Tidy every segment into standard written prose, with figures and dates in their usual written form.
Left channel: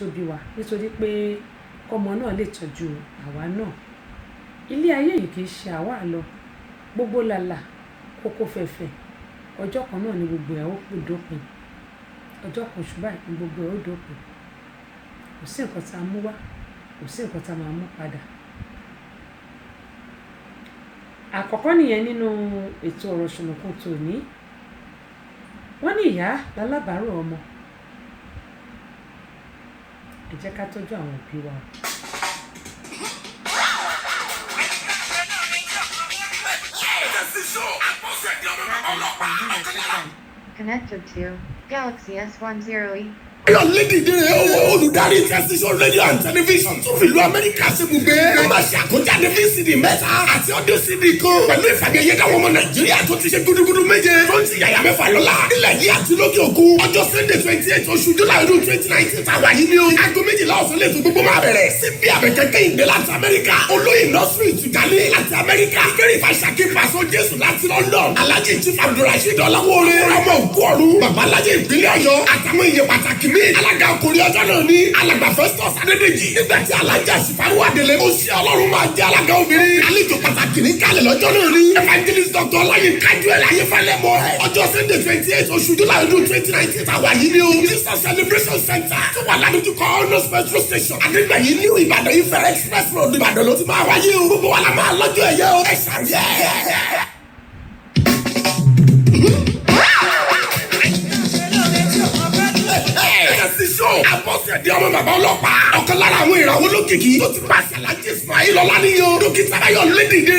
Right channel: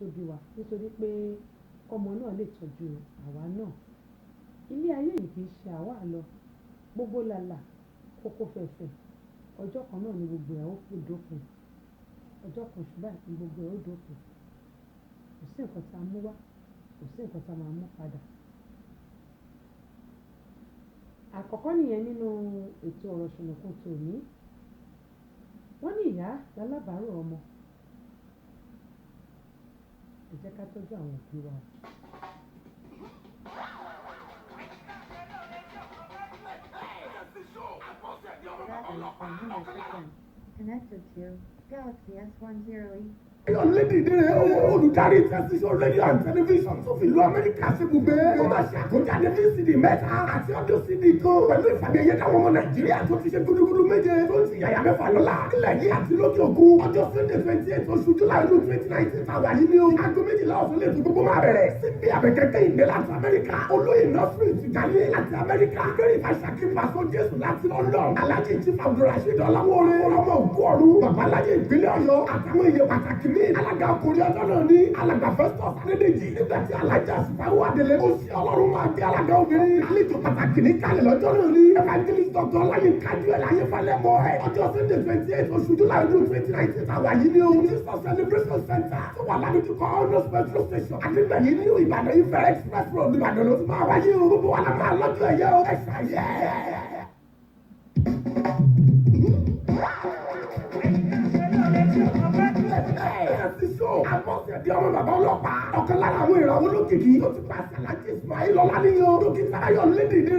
tó bí wa nítorí pé kọ́mọ náà lè tọ́jú àwa náà. Ilé ayé yìí kì í ṣe àwa lọ gbogbo làlà kókó fẹ̀fẹ̀ ọjọ́ kan náà ni gbogbo ẹ̀ ó kù dópin ọjọ́ kan ṣùgbọ́n ní gbogbo ẹ̀ ó dópin kò sí nǹkan tá a mú wá kò sí nǹkan tá a máa mú padà. Àkọ́kọ́ nìyẹn nínú ètò ọ̀rọ̀ ṣùnùkùn tòní. Wọ́n ní ìyá lálábàárò ọmọ. Ẹ jẹ́ ká tọ́jú àwọn òbí wa. Connected to Galaxy S10e. Your lady dé olùdarí tẹsíṣọ́ rédíò and tẹlifíṣàn tó fi ìlú Amẹ́ríkà sí ibùgbé. Ẹ máa ṣe àkójáde VCD mẹ́ta àti audio CD kan pẹ̀lú ìfàgẹ́yẹ dáwọn ọmọ Nàìjíríà tó ti ṣe gúdúgúdú méje tó ń ti yàyà mẹ́fà lọ́la. Ilẹ̀ yìí àti lókè òkun ọjọ́ Sunday 28 oṣù July ọdún 2019 tàwa yìí ni o. Aago 12 ọ̀sán lè tún gbogbo máa bẹ̀rẹ̀. Síbi àbẹ̀kẹ́kẹ́ ìgbé láti Amẹ́ríkà. Olóyè nọ́ọ̀sì ìtìgálé láti Amẹ́ríkà. Ìkéré ìfàṣàkí pàṣọ Jésù láti London. Alhaji Chief Abdulrasheed Ọláwọlé. Ọmọ òkú ọ̀run. Bàbá Alhaji ìpínlẹ̀ Ọ̀yọ́. Àtàwọn iye pàtàkì mi. Alága ọkùnrin ọjọ́ náà ní alàgbà Festus Adédèjì. Nígbà tí alájà Ṣìfàrú Adélé. Ó ṣe Ọlọ́run máa jẹ́ alága obìnrin. Àlejò pàtàkì ní kalẹ̀ lọ́jọ́ náà ní. Evangelist Dr. Ọláyínká Joel Ayéfẹ́lẹ́ mọ́ ẹ̀. Ọjọ́ Sunday 28 oṣù July ọdún 2019 tàwa yìí ni o. Jesus Celebration Center tó wà ládùúgbò Honors Petrol Station. Adégbàyí ní Ìbàdàn Ifẹ̀ Express Road Ìbàdàn ló ti máa wáyé o. Gbogbo wa la máa lọ́jọ́ ẹ̀yẹ o. Ẹ ṣàyẹ̀. Àbọ̀sẹ̀dé ọmọ bàbá ọlọ́pàá. Ọ̀kan lára àwọn ìràwọ̀ olókìkí tó ti pàṣẹ Alhaji Ismail Ọláníyàn. Dókítà Ayọ̀ Lédìdé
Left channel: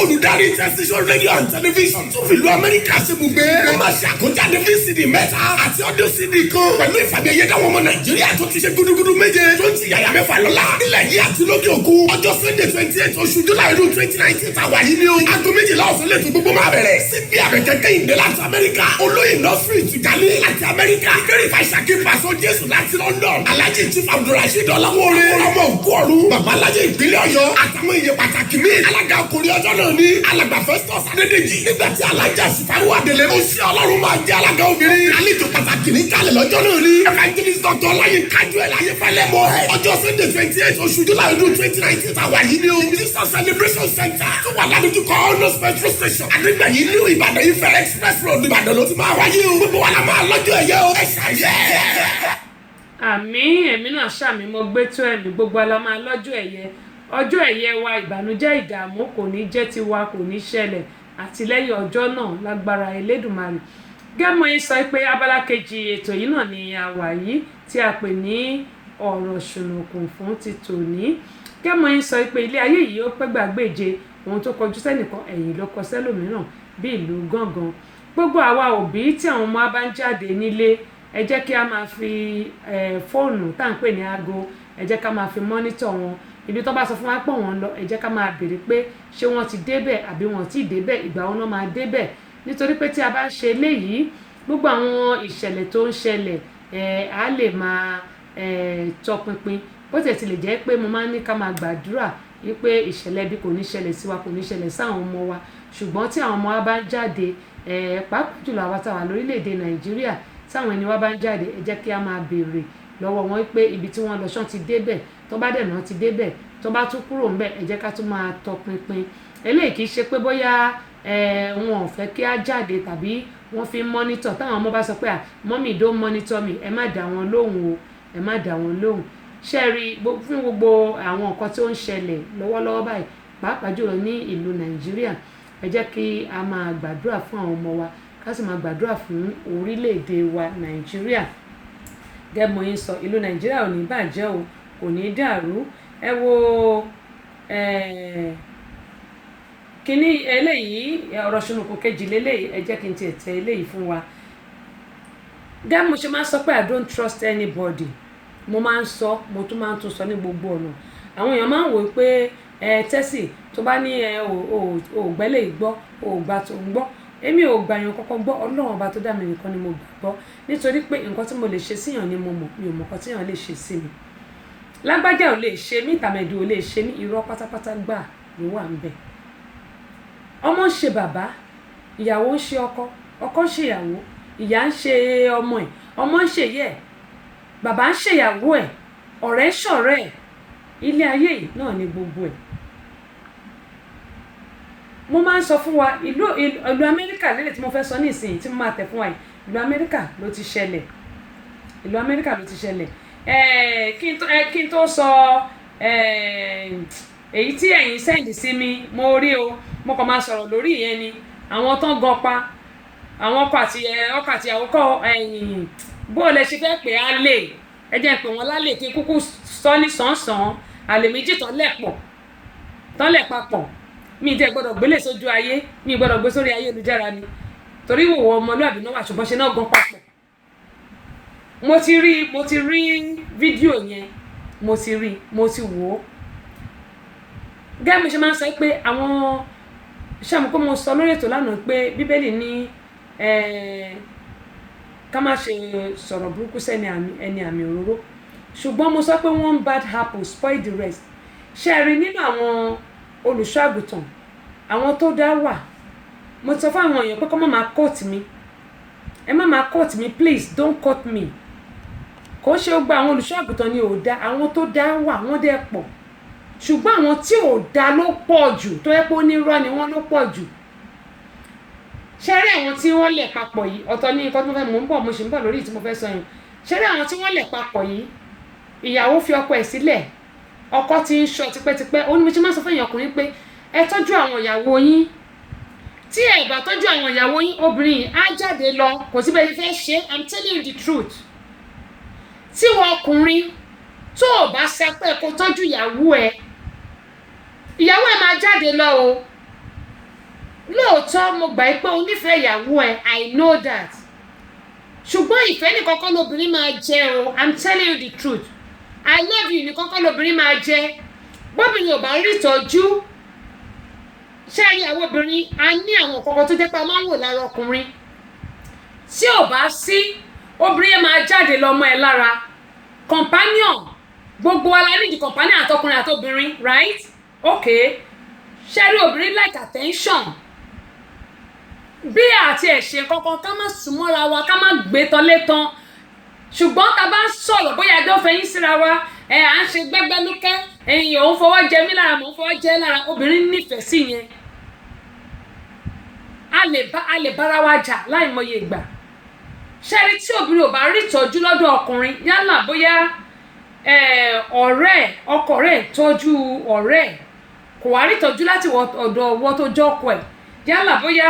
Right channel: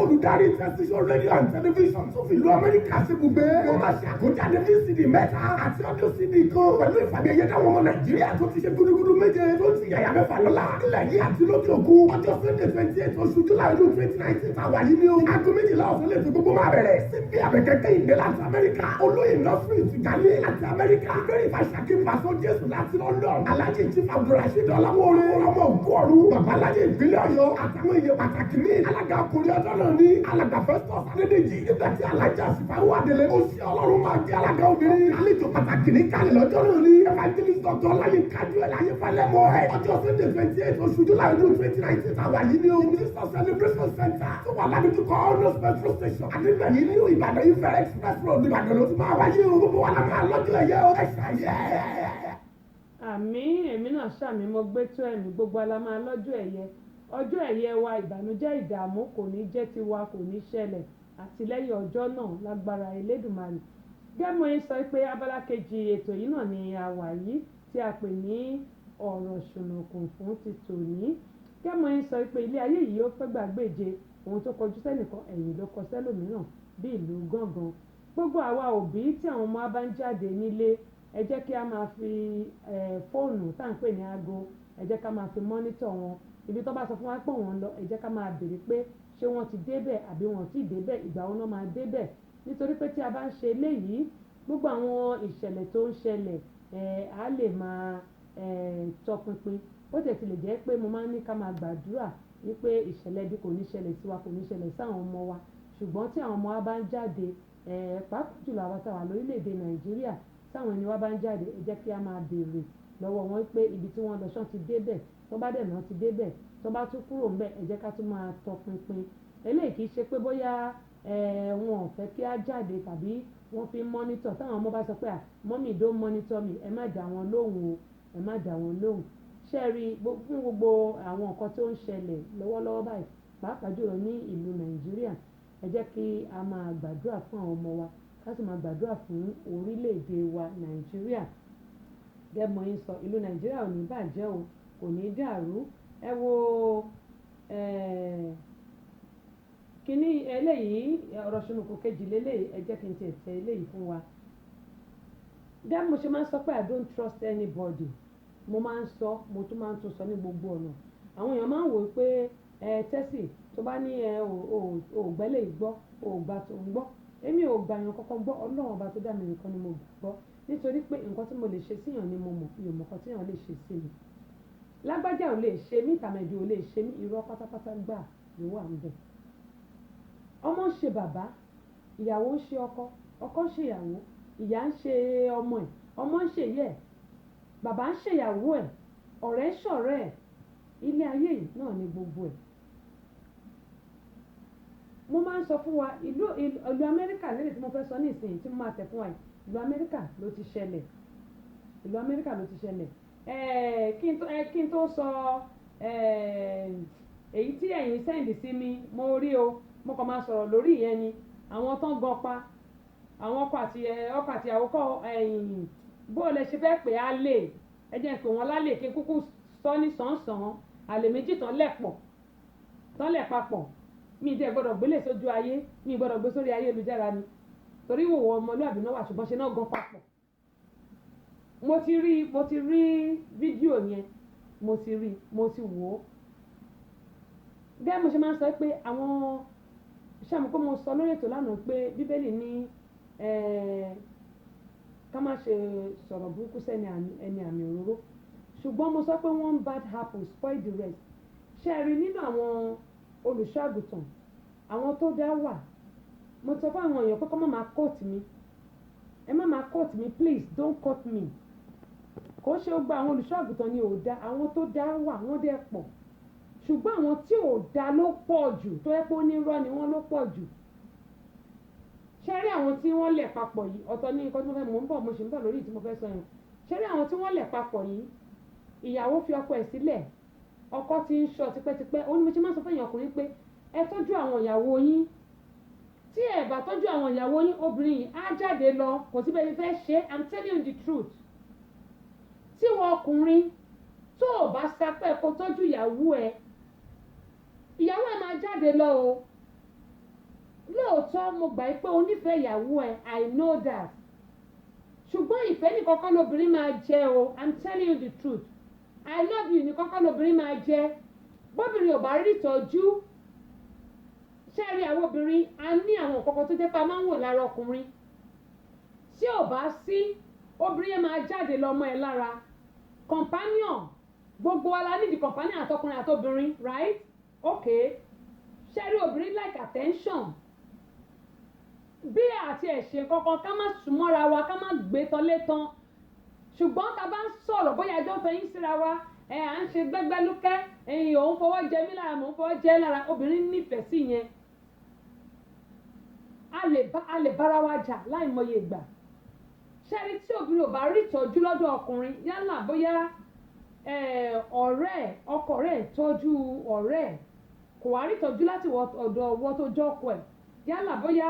olùdarí tẹsíṣọ́ rédíò and tẹlifíṣàn tó fi ìlú Amẹ́ríkà sí ibùgbé. Wọ́n máa ṣe àkójáde VCD mẹ́ta àti audio CD kan pẹ̀lú ìfàgẹ́yẹ dáwọn ọmọ Nàìjíríà tó ti ṣe gúdúgúdú méje tó ń ti yàyà mẹ́fà lọ́la. Ilẹ̀ yìí àti lókè òkun ọjọ́ Sunday 28 oṣù July ọdún 2019 tàwa yìí ni o. Aago 12 ọ̀sán lè tún gbogbo máa bẹ̀rẹ̀. Síbi àbẹ̀kẹ́kẹ́ ìgbé láti Amẹ́ríkà. Olóyè nọ́ọ̀sì ìtìgálé láti Amẹ́ríkà. Ìkéré ìfàṣàkí pàṣọ Jésù láti London. Alhaji Chief Abdulrasheed Ọláwọlé. Ọmọ òkú ọ̀run. Bàbá Alhaji ìpínlẹ̀ Ọ̀yọ́. Àtàwọn iye pàtàkì mi. Alága ọkùnrin ọjọ́ náà ní alàgbà Festus Adédèjì. Nígbà tí alájà Ṣìfàrú Adélé. Ó ṣe Ọlọ́run máa jẹ́ alága obìnrin. Àlejò pàtàkì ní kalẹ̀ lọ́jọ́ náà ní. Evangelist Dr. Ọláyínká Joel Ayéfẹ́lẹ́ mọ́ ẹ̀. Ọjọ́ Sunday 28 oṣù July ọdún 2019 tàwa yìí ni o. Jesus Celebration Center tó wà ládùúgbò Honors Petrol Station. Adégbàyí ní Ìbàdàn Ifẹ̀ Express Road Ìbàdàn ló ti máa wáyé o. Gbogbo wa la máa lọ́jọ́ ẹ̀yẹ o. Ẹ ṣàyẹ̀. Àmín èmi náà ṣàmì mo gbé tó ẹ̀mí gbogbo ala máa lọ́jọ́ ẹ̀yẹ ọjọ́ ẹ̀yẹ wa ìbànújẹ́ ìdààmú kò ní jẹ́ tiwa kò ní ṣẹlẹ̀ àtìlẹ́yìn ọjọ́ náà lágbára Elédùmarè. Gẹ́mọ̀ yín sọ pé abala kejì ètò yìí náà ni a wà yìí tí a pè ní ọ̀rọ̀ ṣùnùkùn fún ti tòní. Gẹ́mọ̀ yín sọ pé ilé ayé yìí ó pẹ́ gbàgbéje ohun tó kọjú sẹ́nìkan ẹ̀yìn ló kọ sẹ́lòmíràn bí ìlú gángan. Gbogbo àwa òbí tí àwọn ọmọ bá ń jáde nílé ẹ jẹ́ kí a máa fi fóònù tá à ń pè ní aago ẹ jẹ́ ká máa fi mọ́nítọ̀ wọn ibi tó bá sọ fún wa pọ̀ wọ́n lọ ẹ jẹ́ ká máa béèrè pé ṣé wọ́n ti débẹ̀ àbí wọ́n ti débẹ̀ ìgbà wọn náà máa débẹ̀ nítorí pé tí a bá ń ṣe eléyìí gbogbo àwọn ìṣẹ̀lẹ̀ tó ń ṣẹlẹ̀ á lè máa tọpinpin bó tẹ̀ ti lè jẹ́ pé mo máa ń ní ká máa gbàdúrà wípé ìṣẹ̀lẹ̀ bí kò ní ṣẹlẹ̀ sí wa kò ní ṣẹlẹ̀ sáwọn ọmọ wa ṣùgbọ́n tí àwọn ọmọ wa bá ń jáde pàápàá jùlọ àwa táwa lórílẹ̀‐èdè Nàìjíríà táwọn ẹni wá bá ń jáde ẹ jẹ́ kí a máa béèrè lọ́wọ́ wọn pé ibi tí wọ́n lọ ṣán ti débẹ̀ tó bá dẹ̀ náà ti débẹ̀ tó bá tún kúrò ńbẹ̀ ẹ jẹ́ ká tún máa tọpinpin eléyìí kì í ṣe pé bóyá wọn ò fẹ́ kí á jáde tàbí wọ́n fi ń mọ́nítọ̀ táwọn ọmọ bá sọ pé mọ́mì don't monitor me ẹ má dá wọn lóhùn o ẹ má dá wọn lóhùn ṣe rí fún gbogbo àwọn nǹkan tí ó ń ṣẹlẹ̀ lọ́wọ́lọ́wọ́ báyìí pàápàá jùlọ ní ìlú Nàìjíríà ẹ jẹ́ kí a máa gbàdúrà fún àwọn ọmọ wa ká sì máa gbàdúrà fún orílẹ̀-èdè wa Nàìjíríà gẹ́gbọ́n yín sọ ìlú Nàìjíríà ò ní bàjẹ́ o kò ní dàrú ẹ wo kíní eléyìí ọ̀rọ̀ ṣùnùkùn kejì lélẹ́yìí ẹ jẹ́ kí n tiẹ̀ tẹ eléyìí fún wa gẹ́gbọ́n mo ṣe máa ń sọ pé I don't trust anybody mo máa ń sọ mo tún máa ń tún sọ ní gbogbo ọ̀nà àwọn èèyàn máa ń wò pé tẹ́sì tó bá ní ò gbẹ́lẹ̀ gbọ́ ò gbà tó ń gbọ́ èmi ò gbà yàn kọ́kọ́ gbọ́ Ọlọ́run ọba tó dá mi nìkan ni mo gbàgbọ́ nítorí pé nǹkan tí mo lè ṣe síyàn ni mo mọ̀ mi ò mọ̀ nǹkan tíyàn lè ṣe sí mi lágbájá ò lè ṣe mí tàmẹ̀dù ò lè ṣe mí irọ́ pátápátá gbà ló wà ń bẹ̀ ọmọ ń ṣe bàbá ìyàwó ń ṣe ọkọ ọkọ ń ṣe ìyàwó ìyá ń ṣe ọmọ ẹ̀ ọmọ ń ṣe yẹ bàbá ń ṣe ìyàwó ẹ̀ ọ̀rẹ́ ṣọ̀rẹ́ ẹ̀ ilé ayé yìí náà ni gbogbo ẹ̀. mo máa ń sọ fún wa ìlú Amẹ́ríkà lélẹ̀ tí mo fẹ́ sọ ní ìsìn tí mo máa tẹ̀ fún wa yìí ìlú Amẹ́ríkà ló ti ṣẹlẹ̀ ìlú Amẹ́ríkà ló ti ṣẹlẹ̀ kí n tó sọ èyí tí ẹ̀yin sẹ́ǹdì sí mi mo rí o mo kàn máa sọ̀rọ̀ lórí ìyẹn ni àwọn tán gan pa àwọn ọkọ àti àwòkọ bó o lè ṣe fẹ́ pè á lè ẹ jẹ́ pé wọ́n lálẹ́ kí kúkú sọ ní sàn-án àlè méjì tán lẹ̀ papọ̀ mi tẹ́ gbọ́dọ̀ gbélé sójú ayé mi gbọ́dọ̀ gbé sórí ayélujára ni torí ìwòwò ọmọlúwàbí náà wà ṣùgbọ́n ṣe náà gan papọ̀. mo ti rí fídíò yẹn mo ti wò ó gẹ́gẹ́ bí ṣe máa ń sọ pé àwọn ṣàmù kó mo sọ lórí ètò lánàá pé bíbélì ní ká má ṣe sọ̀rọ̀ burúkú sẹ́ni ẹni àmì òróró ṣùgbọ́n mo sọ pé one bad apple spoil the rest. ṣe rí nínú àwọn olùṣọ́ àgùntàn àwọn tó dá wà mo sọ fún àwọn èèyàn pé kọ́ má máa quote mi ẹ má máa quote mi please don't quote me kò ṣe ó gba àwọn olùṣọ́ àgùntàn ni ò dá àwọn tó dá wà wọ́n dẹ̀ pọ̀ ṣùgbọ́n àwọn tí ò dá ló pọ̀ jù tó yẹ pé onírọ́ ni wọ́n ló pọ̀ jù. ṣe rí àwọn tí wọ́n lẹ̀ papọ̀ yìí ọ̀tọ̀ ní nǹkan tí mo fẹ́ mò ń bọ̀ mo sì ń bọ̀ lórí tí mo fẹ́ sọ yẹn ṣe rí àwọn tí wọ́n lẹ̀ papọ̀ yìí ìyàwó fi ọkọ ẹ̀ sílẹ̀ ọkọ ti ń ṣọ́ tipẹ́tipẹ́ ó ní mo ti máa sọ fún èèyàn ọkùnrin pé ẹ tọ́jú àwọn ìyàwó yín tí ẹ bá tọ́jú àwọn ìyàwó yín obìnrin á jáde lọ kò sí bẹ́ẹ̀ fẹ́ ṣe I'm telling you the truth tí wọ́n ọkùnrin tó o bá sẹpẹ́ kó tọ́jú ìyàwó ẹ máa jáde lọ o lóòótọ́ mo gbà pé o nífẹ̀ẹ́ ìyàwó ẹ I know that ṣùgbọ́n ìfẹ́ nìkan kọ́ lobìnrin máa jẹ o I'm telling you the truth I love you nìkan kọ́ lobìnrin máa jẹ bóbìnrin ò bá rí ìtọ́jú ṣé ìyàwó obìnrin a ní àwọn kọ̀ọ̀kan tó jẹ́ pé a máa ń wò lára ọkùnrin tí ò bá sí obìnrin yẹn máa jáde lọ́mọ ẹ lára companion gbogbo wa la ní di companion àtọkùnrin àtobìnrin right okay ṣé rí obìnrin like attention bí àti ẹ̀ṣẹ̀ kankan ká má súnmọ́ra wa ká má gbé tán létan ṣùgbọ́n tá a bá ń sọ̀rọ̀ bóyá ẹgbẹ́ òfin yín síra wa à ń ṣe gbẹ́gbẹ́lúkẹ́ ẹ̀yìn òun fọwọ́ jẹ mí lára mò ń fọwọ́ jẹ lára obìnrin nífẹ̀ẹ́ sí yẹn a lè bára wa jà láìmọye ìgbà ṣẹ́rí tí obìnrin ò bá rí ìtọ́jú lọ́dọ̀ ọkùnrin yálà bóyá ọ̀rẹ́ ọkọ rẹ̀ tọ́jú ọ̀rẹ́ kò wá rí ìtọ́jú láti ọ̀dọ̀ ọwọ́ tó jọ́kọ ẹ̀ yálà bóyá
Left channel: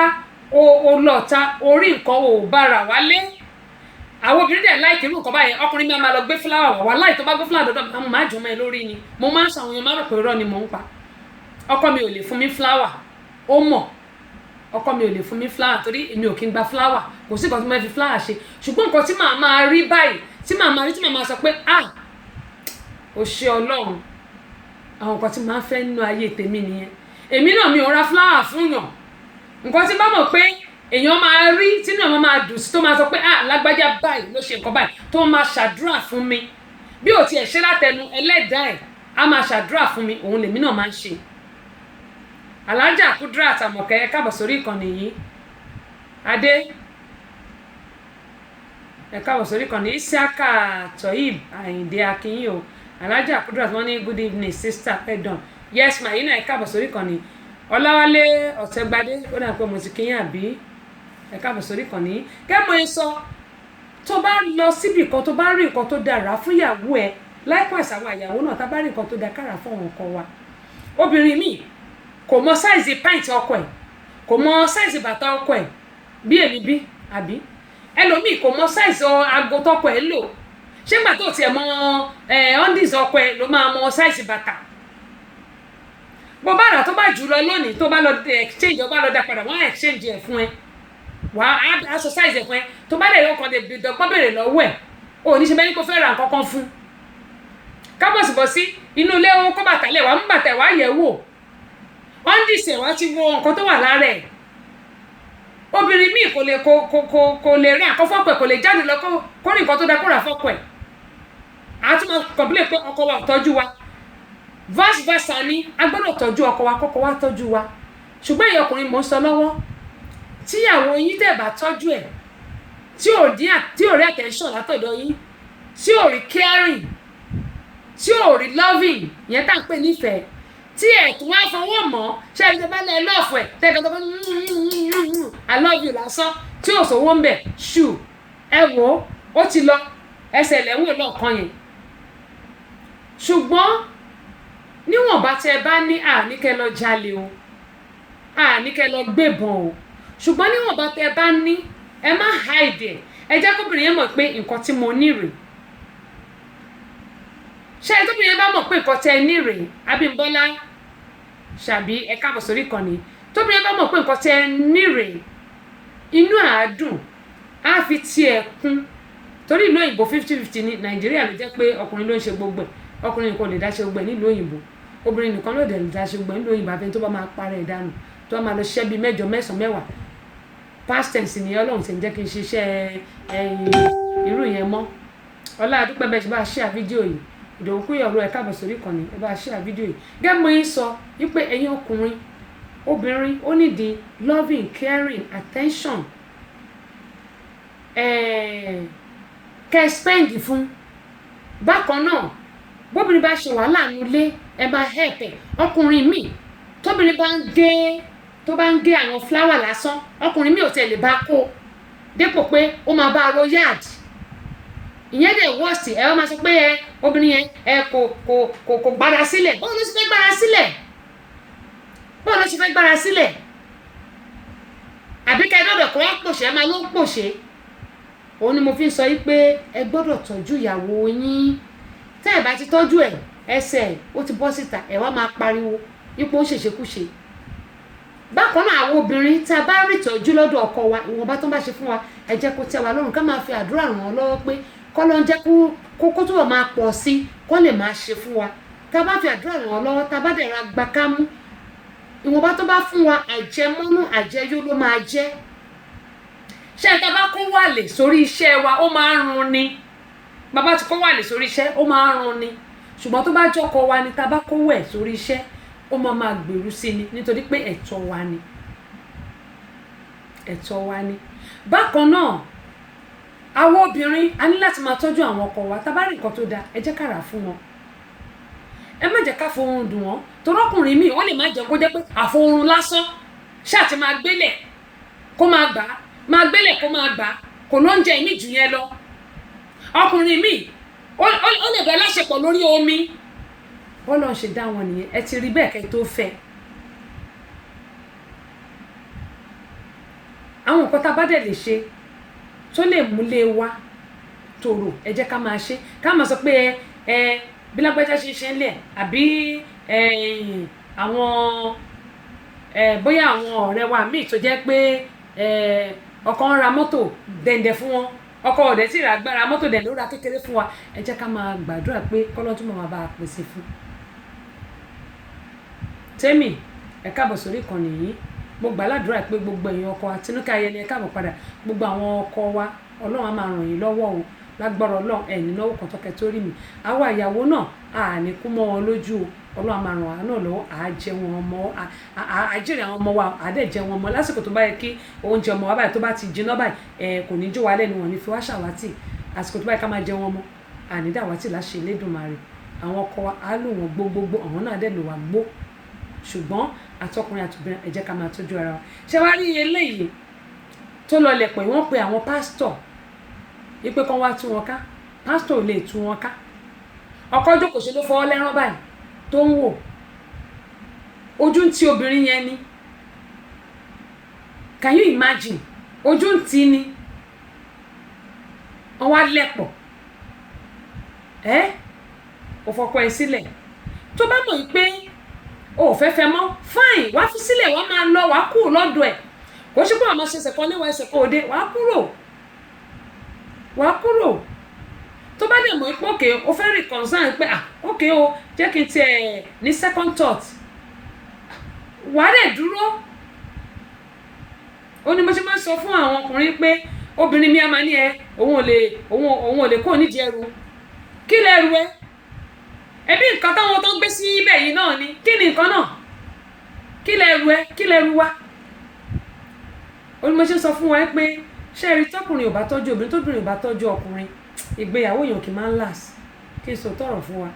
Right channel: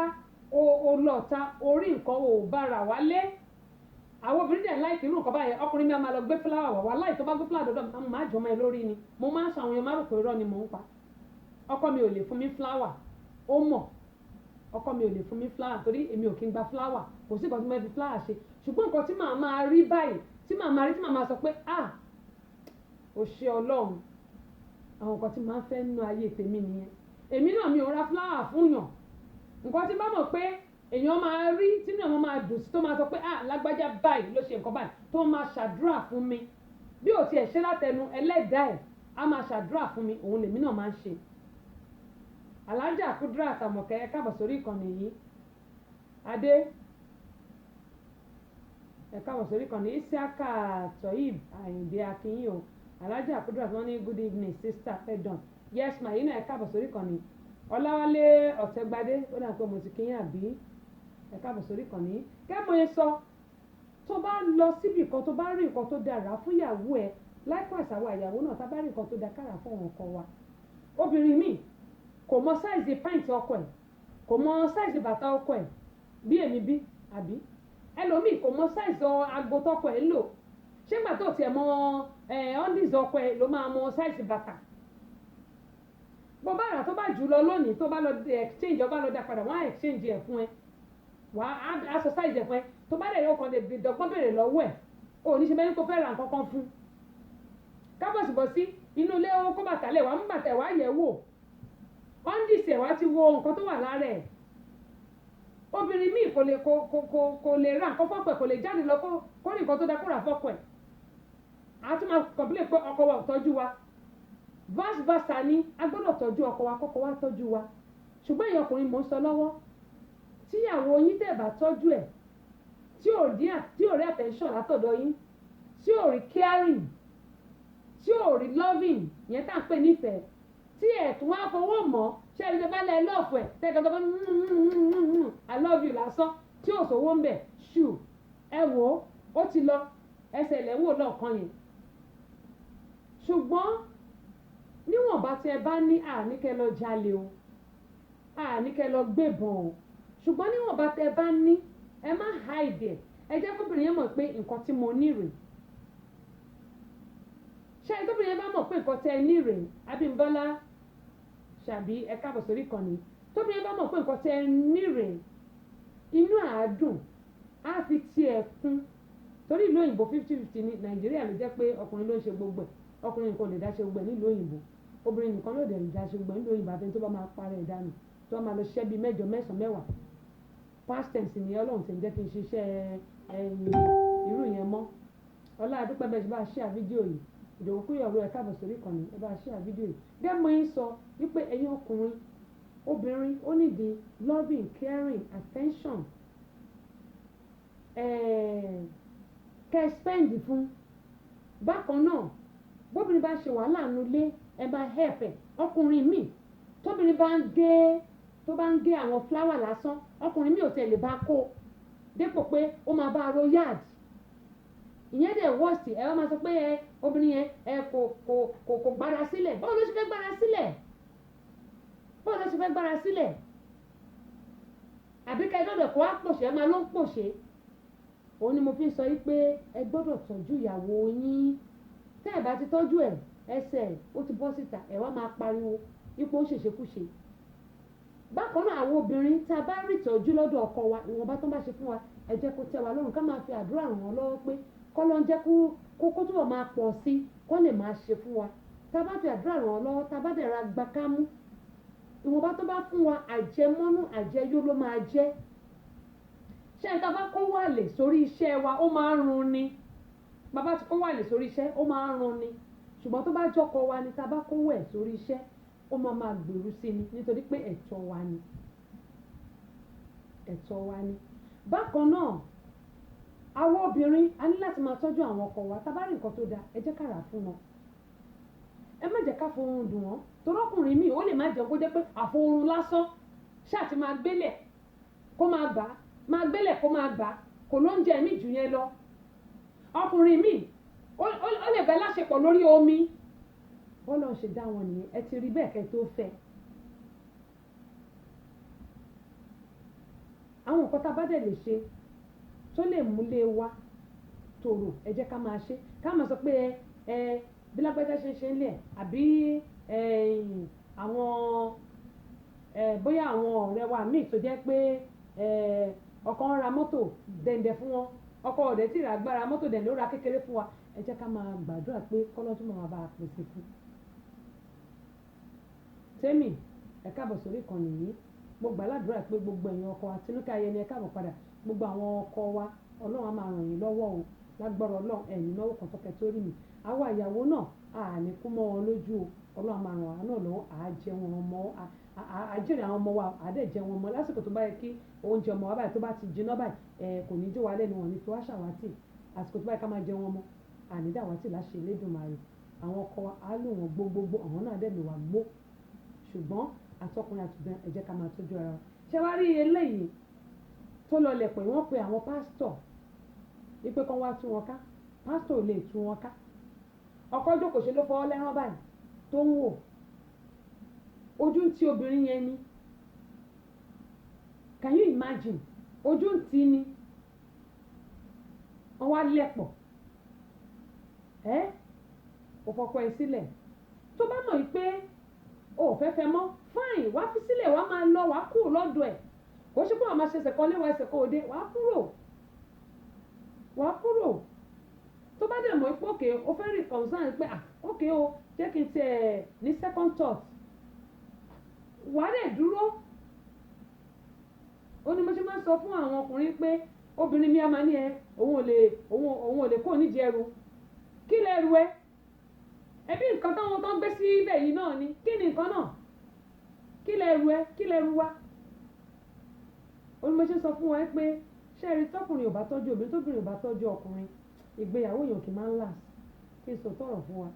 o lọ́ta orí nǹkan ò bára wálé àwọn obìnrin dẹ̀ láìkí irú nǹkan báyẹn ọkùnrin mi máa lọ gbé fúláwà wá láì tó bá gbé fúláwà dọ́dọ̀ mo máa jùmọ̀ ẹ lórí ni mo máa ń ṣàwọn èèyàn máa rò pé irọ́ ni mò ń pa ọkọ mi ò lè fún mi fúláwà ó mọ̀ ọkọ mi ò lè fún mi fúláwà torí èmi ò kí ń gba fúláwà kò sí nǹkan tí mo fi fúláwà ṣe ṣùgbọ́n nǹkan tí màá máa rí báyìí tí màá máa rí tí màá máa sọ pé ò ṣe Ọlọ́run àwọn nǹkan tí màá fẹ́ nínú ayé tèmi nìyẹn èmi náà mi ò ra fúláwà fún yàn nǹkan tí bá mọ̀ pé èèyàn máa rí tínú ẹ̀ máa dùn sí tó máa sọ pé lágbájá báyìí ló ṣe nǹkan báyìí tó máa ṣàdúrà fún mi bí ò tiẹ̀ ṣe látẹnu ẹlẹ́dàá ẹ̀ á máa ṣàdúrà fún mi òun lèmi náà máa ń ṣe. Alájà Kudirat Àmọ̀kẹ́ káàbọ̀ sórí ìkànnì yìí adé ẹ káàbọ̀ sórí ìkànnì Isiaka Toyib Àyìndé Akínyìn o Alájà Kudirat wọ́n ní good evening sister pẹ̀dàn yes ma yìí náà ẹ káàbọ̀ sórí ìkànnì Ọláwálé Ọ̀tẹ́gbadé ó dà pé mo ti kíyàn àbí ẹ káàbọ̀ sórí ìkànnì kẹ́mọ̀ ẹ sọ tó bá lọ síbì kan tó bá rí nǹkan tó dára fún ìyàwó ẹ likewise àwọn ìyàwó náà tá bá rí nǹkan tó dára kára fún àwọn ọkọ wa obìnrin míì kò mọ sáìzì pint ọkọ ẹ kò mọ sáìzì bàtà ọkọ ẹ bí èmi bí àbí ẹlòmíì kò mọ sáìzì aago tọkọ ẹ lò ṣé gbà tó tiẹ̀ mọ undies ọkọ ẹ ló máa mọ sáìzì bàtà bó bá rà tó bá jù lọ lónìí tó bá lọ exchange ó bá lọ dá padà wọ́n á exchange ẹ̀ fún ẹ wàá aṣọ size ẹ̀ fún ẹ tó bá lè lọ́kàn lè dọ́gbọ́n bèrè lọ́wọ́ ẹ̀ ò ní ṣe bẹ́ẹ̀ ni kò fẹ́ ra nǹkan kan fún kábọ̀sibọ̀sí inú ilé wọn kó bàtà lẹ̀ wá mú bàtà wá yẹ̀ wò undies ẹ̀ wá ti wo nǹkan tó wà lára ẹ̀ obìnrin míì kò lè rí àkọ́fọ́pẹ̀ kò lè jáde lọ kó rí nǹkan tó dá kó rà fọ́pẹ̀ àtúmọ̀ complain pé ọkọ wa ò tọ́jú wa vice versa ni a gbọ́dọ̀ tọ́jú ọkọ wa kọ́kọ́ wa tọ́jú wa ṣùgbọ́n èyí ọkùnrin mò ń sọ lọ́wọ́ tíyàwó yín tẹ̀ bá tọ́jú ẹ̀ tí ò rí attention látọ̀dọ̀ yín tí ò rí caring tí ò rí loving yẹn tá à ń pè nífẹ̀ẹ́ tí ẹ̀ tún wá fọwọ́ mọ́ ṣé ẹni tó bá lẹ lọ́ọ̀fù ẹ̀ tẹ́kọ̀ tó bá I love you lásán tí ò sówó ń bẹ̀ ṣù ẹ wò ó ti lọ ẹsẹ̀ lẹ́wọ̀n lọ́ọ̀kan yẹn ṣùgbọ́n níwọ̀nba tẹ́ ẹ bá ní àníkẹ́ lọ jalè o àníkẹ́ lọ gbébọn o ṣùgbọ́n níwọ̀nba tẹ́ ẹ bá ní ẹ má hide ẹ jẹ́ kóbìnrin yẹn mọ̀ pé nǹkan tí mo ní rèé ṣé ẹ tóbìnrin yẹn bá mọ̀ pé nǹkan tẹ́ ẹ ní rèé Abímbọ́lá ṣàbí ẹ káàbọ̀ sórí ìkànnì tóbìnrin yẹn bá mọ̀ pé nǹkan tẹ́ ẹ ní rèé inú àádùn á fi tiẹ̀ kún torí ìlú òyìnbó 50-50 ní Nàìjíríà ló jẹ́ pé ọkùnrin ló ń ṣe gbogbo ẹ̀ ọkùnrin nìkan lè dá ṣe gbogbo ẹ̀ nílùú òyìnbó obìnrin nìkan ló dẹ̀ lè dá ṣe gbogbo ẹ̀ nílùú òyìnbó àfẹn tó bá máa parẹ́ ìdánù tó bá máa lọ ṣiṣẹ́ bíi 8, 9, 10 past tense ni Ọlọ́run ti ń jẹ́ kí n ṣiṣẹ́ irú yẹn mọ́ ọlá àdúpẹ́ bẹ́ẹ̀ ṣe bá ṣíà fídíò yìí Ìdòwú Kúyọ̀rọ̀ ẹ káàbọ̀ sórí ìkànnì ẹ bá ṣíà fídíò yìí gẹ́gẹ́ mo yín sọ wípé ẹ̀yin ọkùnrin obìnrin ó nídìí loving caring attention kẹ́ spend fún bákan náà bóbìnrin bá ṣe wàhálà nílé ẹ máa help ẹ ọkùnrin míì tóbìnrin bá ń gé àwọn fúláwà lásán ọkùnrin míì ò tẹ̀ lè bá kó dépò pé ó máa bá ro yard ìyẹn dẹ̀ wọ́ọ̀sì ẹ wọ́n máa sọ pé obìnrin yẹn kò gbára sílẹ̀ báwo ló ṣe fẹ́ gbára sílẹ̀ báwo ló ṣe fẹ́ gbára sílẹ̀ àbí kẹ́ ẹ dọ̀dọ̀ kó wá pòṣé ẹ máa ló ń pòṣé òun ni mo fi ń sọ yìí pé ẹ gbọ́dọ̀ tọ́jú ìyàwó yín tẹ́ ẹ bá ti tọ́jú ẹ ẹsẹ̀ ó ti bọ́ síta ẹ wá máa pariwo ipò ó ṣèṣekúṣe bákan náà àwọn obìnrin tá a bá rí ìtọ́jú lọ́dọ̀ ọkọ wa ìwọ̀nba tó ń bá ṣe fún wa ẹ jẹ́ kó tẹ́ wa lọ́rùn ká máa fi àdúrà ràn wọ́n lọ́wọ́ pé kọ́ ló ń jẹ́ kó túbọ̀ máa pọ̀ sí kó lè máa ṣe fún wa tá a bá fi àdúrà ràn wọ́n lọ́wọ́ tá a bá dẹ̀ ra gba kámú ìwọ̀nba tó bá fún wa àjẹmọ́nú àjẹyó ló máa jẹ́ ṣé tá a bá kó wàlè sórí iṣẹ́ wa ó máa ń run ni bàbá ti kó wàlè sórí iṣẹ́ ó máa ń run ni ṣùgbọ́n tó bá jọkọ wa ni tá a bá kó wẹ̀ sórí iṣẹ́ ó máa gbèrú sí ni nítorí pé ẹ̀tọ́ wa ni ẹ̀tọ́ wa ni bákan náà àwọn obìnrin a ní láti máa tọ́jú àwọn ọkọ wa tá a bá rí nǹkan tó dáa ẹ jẹ́ ká rà fún wọn ẹ má jẹ́ ká fohùn dùn wọ́n torí ọkùnrin míì ó lè má jẹ́ kó jẹ́ pé àfohùn lásán ṣáà ti máa gbélẹ̀ kó máa gbà á máa gbélẹ̀ kó máa gbà á kò ló ń jẹ ìmí jù yẹn lọ ọkùnrin míì ó lè bẹ láṣepọ̀ lórí omi bọ́lá ń ṣe dá wọn nìyẹn ẹ ti rí bẹ́ẹ̀ kẹ́ tó fẹ́ àwọn nǹkan tá a bá dẹ̀ lè ṣe tó lè múlé wa tòrò ẹ jẹ́ ká máa ṣe ká máa sọ pé bí lágbájá ṣe ń lẹ̀ àbí àwọn bóyá àwọn ọ̀rẹ́ wa míì tó jẹ́ pé ọkọ ń ra mọ́tò dẹ̀ǹdẹ̀ fún wọn ọkọ ọ̀dẹ̀ tí ra gbára mọ́tò dẹ̀ǹdẹ̀ ó ra kékeré fún wa ẹ jẹ́ ká máa gbàdúrà pé kọ́lọ́ tún máa bá a pèsè fún. tèmi ẹ káàbọ̀ sórí ìkànnì yìí mo gbà ládùúrà pé gbogbo èèyàn ọkọ Àtinúkẹ́ Ayẹni ẹ káàbọ̀ padà gbogbo àwọn ọkọ wa Ọlọ́run á máa ràn yín lọ́wọ́ o lágbára Ọlọ́run ẹ̀yìn náwó kan tọ́kẹ́ tó rí mi àwa ìyàwó náà àní kú mọ́ wọn lójú o Ọlọ́run á máa ràn wá náà lọ́wọ́ àjẹ wọn ọmọ àjẹrè àwọn ọmọ wa àdẹ̀jẹ wọn ọmọ lásìkò tó bá yẹ kí oúnjẹ ọmọ wa báyìí tó bá ti jiná báyìí kò ní jó wa lẹ́nu wọn ní fi wá ṣàwátì àsìkò tó bá yẹ ká máa jẹ wọn ọmọ ànídàwátì láṣẹ Elédùmarè àwọn ọkọ wa á lò wọn gbogbogbò àwọn náà dẹ̀ lò wá gbó ṣùgbọ́n àtọkùnrin àtobìnrin ẹ jẹ́ ká máa tọ́jú ara wa ṣé wàá rí eléyìí tó lọ lẹ̀ pé wọ́n pe àwọn pásítọ̀ wípé kán wá tú wọn ká pásítọ̀ ò lè tú wọn ká ọkọ jókòó ṣe ló fọwọ́ lẹ́rán báyìí tó ń wò ojú ń ti obìnrin yẹn ni can you imagine ojú ń ti ni wọ́n wá lẹ̀pọ̀ ò fọkọ ẹ sílẹ̀ tó bá mọ̀ pé o ò fẹ́ mọ́ fine wá fi sílẹ̀ wọ́n máa lọ wá kúrò lọ́dọ̀ ẹ̀ kò ṣe pé àwọn ṣẹ̀ṣẹ̀ kan níwọ̀ ẹsẹ̀ kan òde wá kúrò tó bá dẹ̀ mọ̀ pé òkè o fẹ́ rí concern pé òkè o jẹ́ kí n tiẹ̀ ní second thought wà á dẹ̀ dúró ó ní mo ṣe máa ń sọ fún àwọn ọkùnrin pé obìnrin mi á máa ní òun ò lè kó nídìí ẹrù kí lẹ́rù ẹ ẹbí nǹkan táwọn tó ń gbé sí ibẹ̀ yìí náà ni kí ni nǹkan náà kí lẹ́rù wa ó ní mo ṣe sọ fún wa pé ṣé rí tọkùnrin ò bá tọ́jú obìnrin tóbìnrin ò bá tọ́jú ọkùnrin ìgbéyàwó èèyàn kì í máa ń last kí n sọ tọrọ fún wa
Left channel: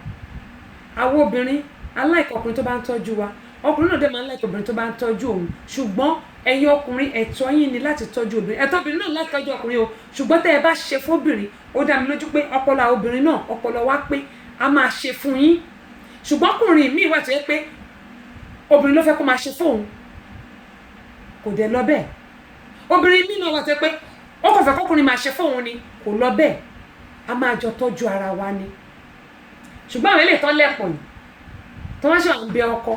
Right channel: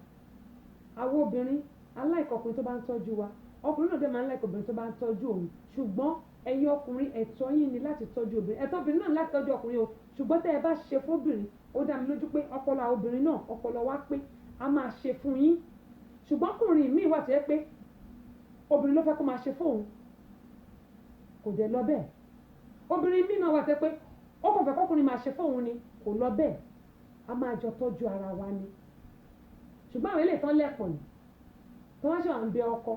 àwọn obìnrin aláìkọ ọkùnrin tó bá ń tọ́jú wa ọkùnrin náà dẹ̀ máa ń láìkọ obìnrin tó bá ń tọ́jú òun ṣùgbọ́n ẹ̀yin ọkùnrin ẹ̀tọ́ yín ni láti tọ́jú obìnrin ẹ̀tọ́ obìnrin náà láti tọ́jú ọkùnrin o ṣùgbọ́n tẹ́ ẹ bá ṣe fóbìnrin ó dá mi lójú pé ọpọlọ obìnrin náà ọpọlọ wa pé a máa ṣe fún yín ṣùgbọ́n ọkùnrin míì wà tó yẹ pé obìnrin ló fẹ́ kó máa ṣe fóun kò dẹ̀ lọ bẹ́ẹ̀ obìnrin míì náà wà tó yẹ pé ó kàn fẹ́ kọ́kùnrin máa ṣe fóun ni kò lọ bẹ́ẹ̀ a máa jọ tọ́jú ara wa ni ṣùgbọ́n àwọn eléyìí tó lẹ́pọ̀ yìí tó wá ṣe àwọn bẹ ọkọ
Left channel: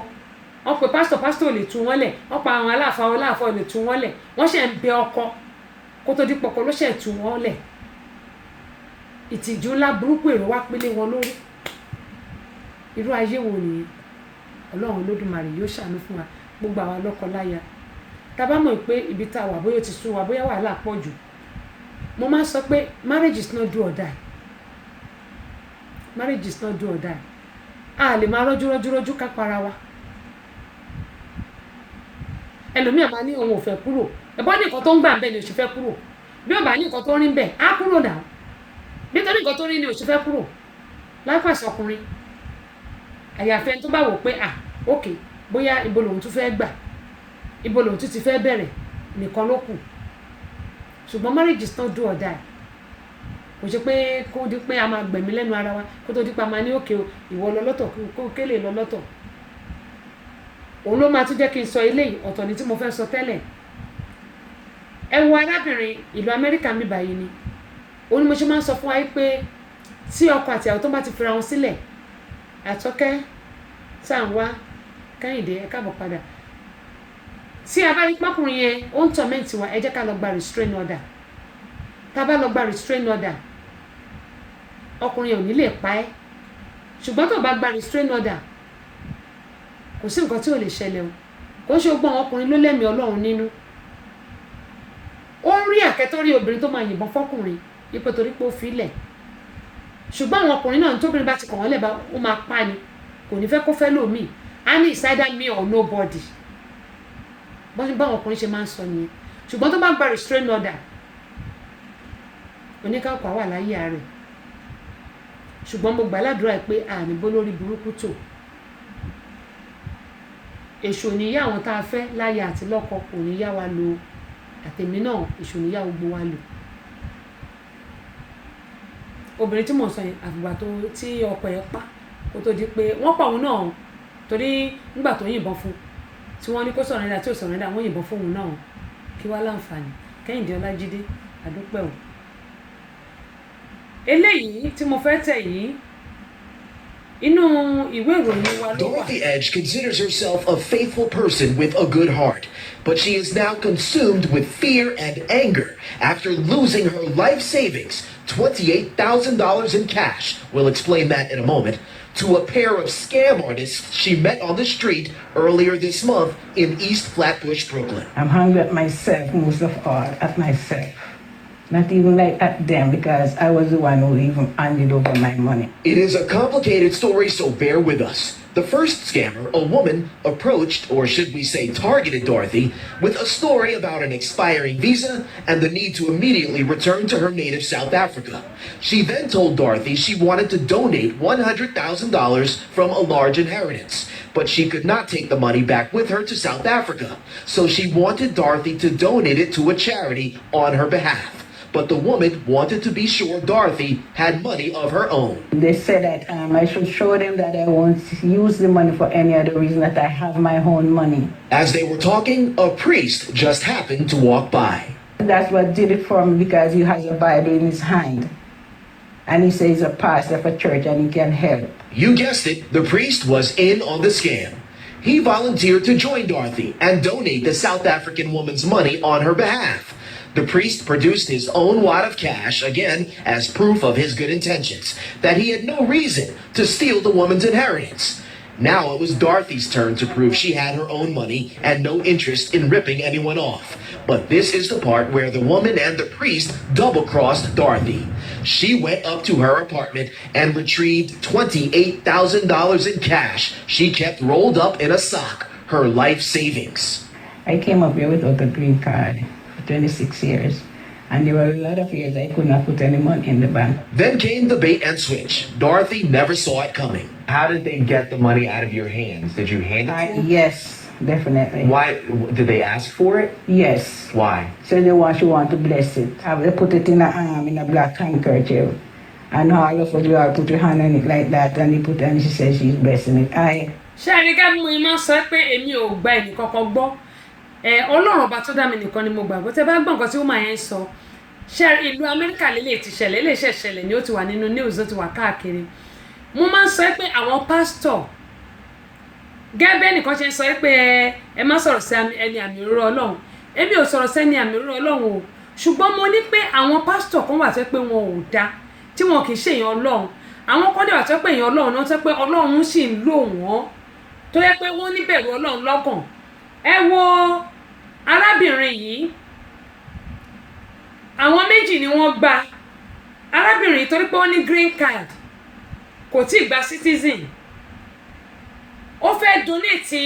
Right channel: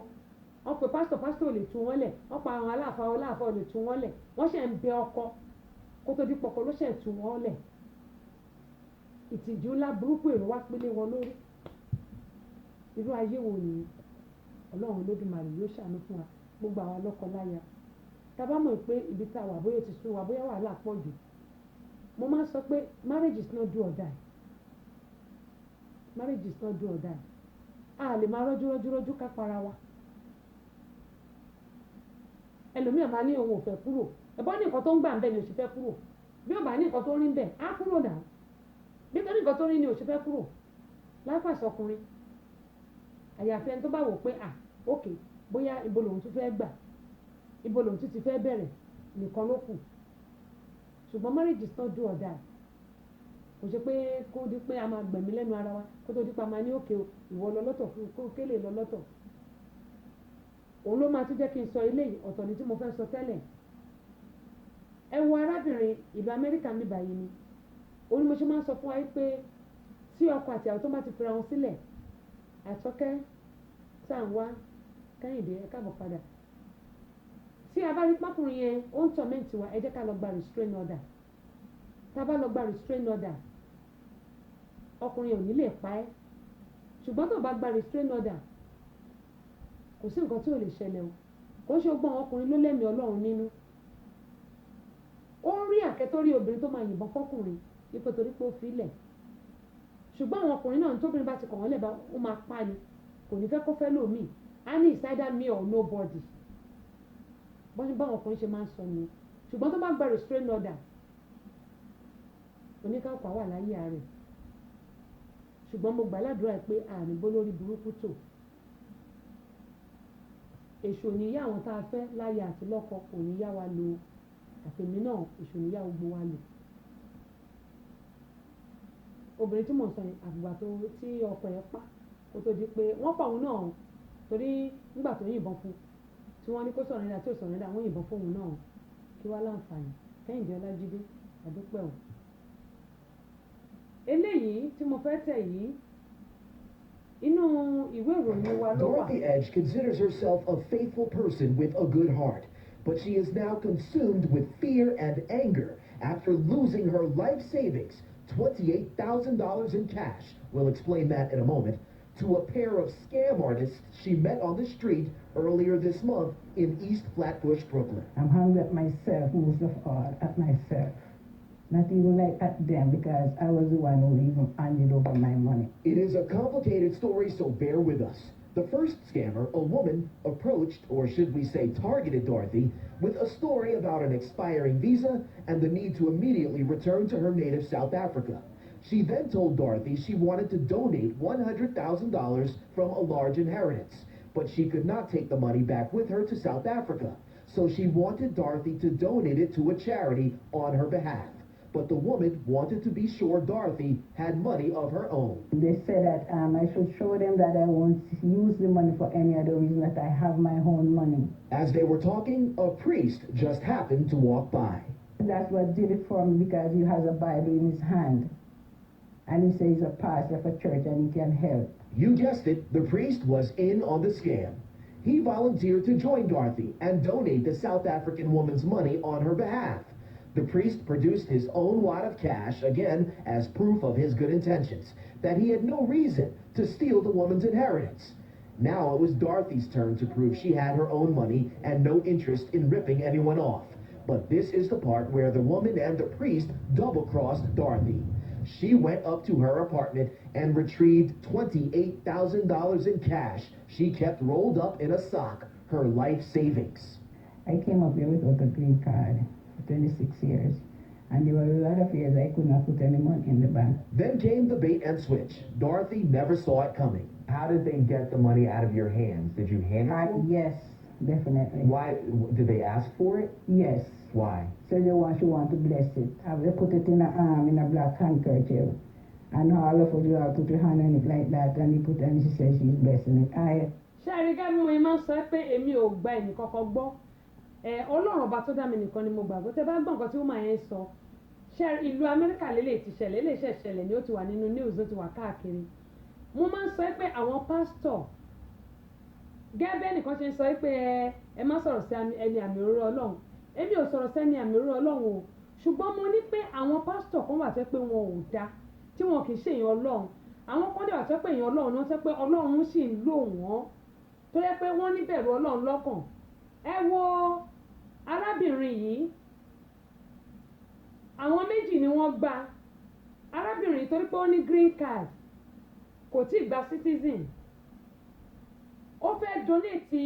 wọ́n pe pásítọ̀ lè tú wọ́n lẹ̀ wọ́n pa àwọn aláàfáà lè tú wọ́n lẹ̀ wọ́n ṣe ń bẹ ọkọ kó tó di pọ̀kọ ló ṣe tú wọ́n lẹ̀ ìtìjú ńlá burúkú èrò wá pélé wọn lórí irú ayé wo nìyẹn ọlọ́run olódùmarè yóò ṣàánú fún wa gbogbo àwa lọ́kọ-láya tá a bá mọ̀ pé ibi tá a wà bóyá ó ti sú wa bóyá wàhálà pọ̀ jù mo máa ń sọ pé marriage is not do or die marriage is not do or die a lè máa rọ́jú ká para wa ẹlòmíà máa ní òun ò fẹ́ kúrò ẹ̀bọ́n ní nǹkan tó ń gbà ń bẹ̀ ni òṣì fẹ́ kúrò bí ó bá ní nǹkan tó rí ń bẹ̀ á kúrò dà nítorí nǹkan tó rí ni òṣì fẹ́ kúrò láìpàṣẹ ọkùnrin àyàfẹ́ ẹni tó bá wò pé ok bóyá ibo lòun tún fẹ́ gbà ibo lòun tún ti fẹ́ bẹ̀rẹ̀ nìkan ló kù ṣùgbọ́n marriage is not do or die kò ṣe pé kó di pé a máa gbẹ̀mí lẹ́nu ara wa kó tó di pé a máa ní òkè ìwọ lọ lọ́tọ̀ kó kélé lọ lọ́tọ̀ òun ló máa tún jẹ́ kí n sọ eléyìí ọ̀tọ̀ ni tí mo fẹ́ sọ tẹ́lẹ̀ ẹ wo arábìnrin ìlú Amẹ́ríkà mi báyìí ni òun ni mo ṣe máa ń sọ fún wa pé tí ọkọ àti àwọn tó bá ti fira wọn sílẹ̀ Àtọ́kẹ́ Tàǹwá Kẹ́hìndé ẹ káàbọ̀ padà tí a bá rí pákùnrin yẹn ó ń tọ́mẹ́ǹtì wa ẹ jẹ́ ká lọ gba restrain order tá a bá lọ gba restrain order ọkùnrin yẹn ò ní lè pa ẹ́ ṣùgbọ́n tó bá gba restrain order kò sí nǹkan tí ò lè ṣẹlẹ̀ o kò ń ṣe gbọ́n ọkùnrin ló lẹ́mìí Ọlọ́run nínú ó ń rí àkẹ́tọ́rí obìnrin tó máa yìnbọn fọ́kùnrin ipò torí pé ó fi lẹ̀ ṣùgbọ́n àwọn ọkùnrin náà tóbìnrin bá ti kàn wọ́n lẹ̀ bá ó máa pa ni kò ní fẹ́ kó fẹ́ lòmíì á ní it's either me or nobody báwọn ọkùnrin ṣe máa ń sọ nìyẹn ṣùgbọ́n tó bá gba restrain order oníkàkọ́ wà láyé rẹ̀ ṣùgbọ́n mo gbà ládùúrà pé àníbó lórí burúkú tó èṣù níyà àwọn tá a fẹ́ láyé àti lọ́kọ kò ní yá wa lò àtẹ̀mí náà èṣù níyà gbogbo wa lò obìnrin tí mò ń sọ yẹn àfìgbà tó tí ọkọ ẹ̀ pa kó tó di pé wọ́n pa òun náà torí nígbà tó yìnbọn fún tí wọ́n ní kó sọ̀rọ̀ tí ò sọ̀rọ̀ wọ́n yìnbọn fún òun náà kí wá láǹfààní Kẹ́hìndé Ọlájídé àdúpẹ́ o eléyìí tí mo fẹ́ tẹ̀ yìí inú ìwé ìròyìn wa ló wà. Dorothy Edge considers herself a faithful person with a good heart, but she is now consumed with fear and anger after losing her life savings, $28,000 in cash. We'll explain that in a moment. To a pair of scam artists she met on the street earlier this month in East Flatbush, Brooklyn. I'm hungry at myself, most of all, at myself. Not even like at them, because I was the one who even handed over my money. It is a complicated story, so bear with us. The first scammer, a woman, approached, or should we say targeted Dorothy, with a story about an expiring visa and the need to immediately return to her native South Africa. She then told Dorothy she wanted to donate $100,000 from a large inheritance, but she could not take the money back with her to South Africa, so she wanted Dorothy to donate it to a charity on her behalf. But the woman wanted to be sure Dorothy had money of her own. They said that I should show them that I won't use the money for any other reason, that I have my own money. As they were talking, a priest just happened to walk by. That's what did it for me, because he has a Bible in his hand. And he says he's a pastor of a church and he can help. You guessed it, the priest was in on the scam. He volunteered to join Dorothy and donate the South African woman's money on her behalf. The priest produced his own wad of cash, again, as proof of his good intentions, that he had no reason to steal the woman's inheritance. Now it was Dorothy's turn to prove she had her own money and no interest in ripping anyone off. But this is the part where the woman and the priest double-crossed Dorothy. She went up to her apartment and retrieved $28,000 in cash she kept rolled up in a sock, her life savings. I came up here without a green card. 26 years. And there were a lot of years I could not put any money in the bank. Then came the bait and switch. Dorothy never saw it coming. How did they get the money out of your hands? Did you hand it to them? Yes, definitely. Why did they ask for it? Yes. Why? So she want to bless it. They put it in a black handkerchief. And all of us, we all put your hand on it like that. And she said she's blessing it. ṣé àrígá mú iná sọ pé èmi ò gba ẹnì kankan gbọ́ ọlọ́run ọba tó dá mi nìkan ni mo gbàgbọ́ tẹ́ bá gbọ́ nǹkan tí ó máa yẹn sọ ṣé ìlú amẹ́ríkà lélẹ̀ ti ṣẹlẹ̀ lè ṣẹlẹ̀ ni ó ti wà nínú news ó ti wà káàkiri mo máa ń sọ pé àwọn pásítọ̀ gẹ́gẹ́ nìkan ṣe ń sọ pé ẹ má sọ̀rọ̀ sí ẹni àmì òróró ọlọ́run èmi ò sọ̀rọ̀ sí ẹni àmì òróró ọlọ́run o ṣùgbọ́n mo ní pé àwọn pásítọ̀ kan wà tó pé wọn ò dá tí wọn kì í ṣe èèyàn ọlọ́run àwọn kan dẹ̀ wà tó pé èèyàn ọlọ́run náà tó pé ọlọ́run sì ń lò wọ́n tó yẹ pé wọ́n níbẹ̀rù ọlọ́run lọ́kàn ẹ wo arábìnrin yìí àwọn méjì ni wọ́n gba arábìnrin yìí torí pé ó ní green card kò tí ì gba citizen ó fẹ́ donate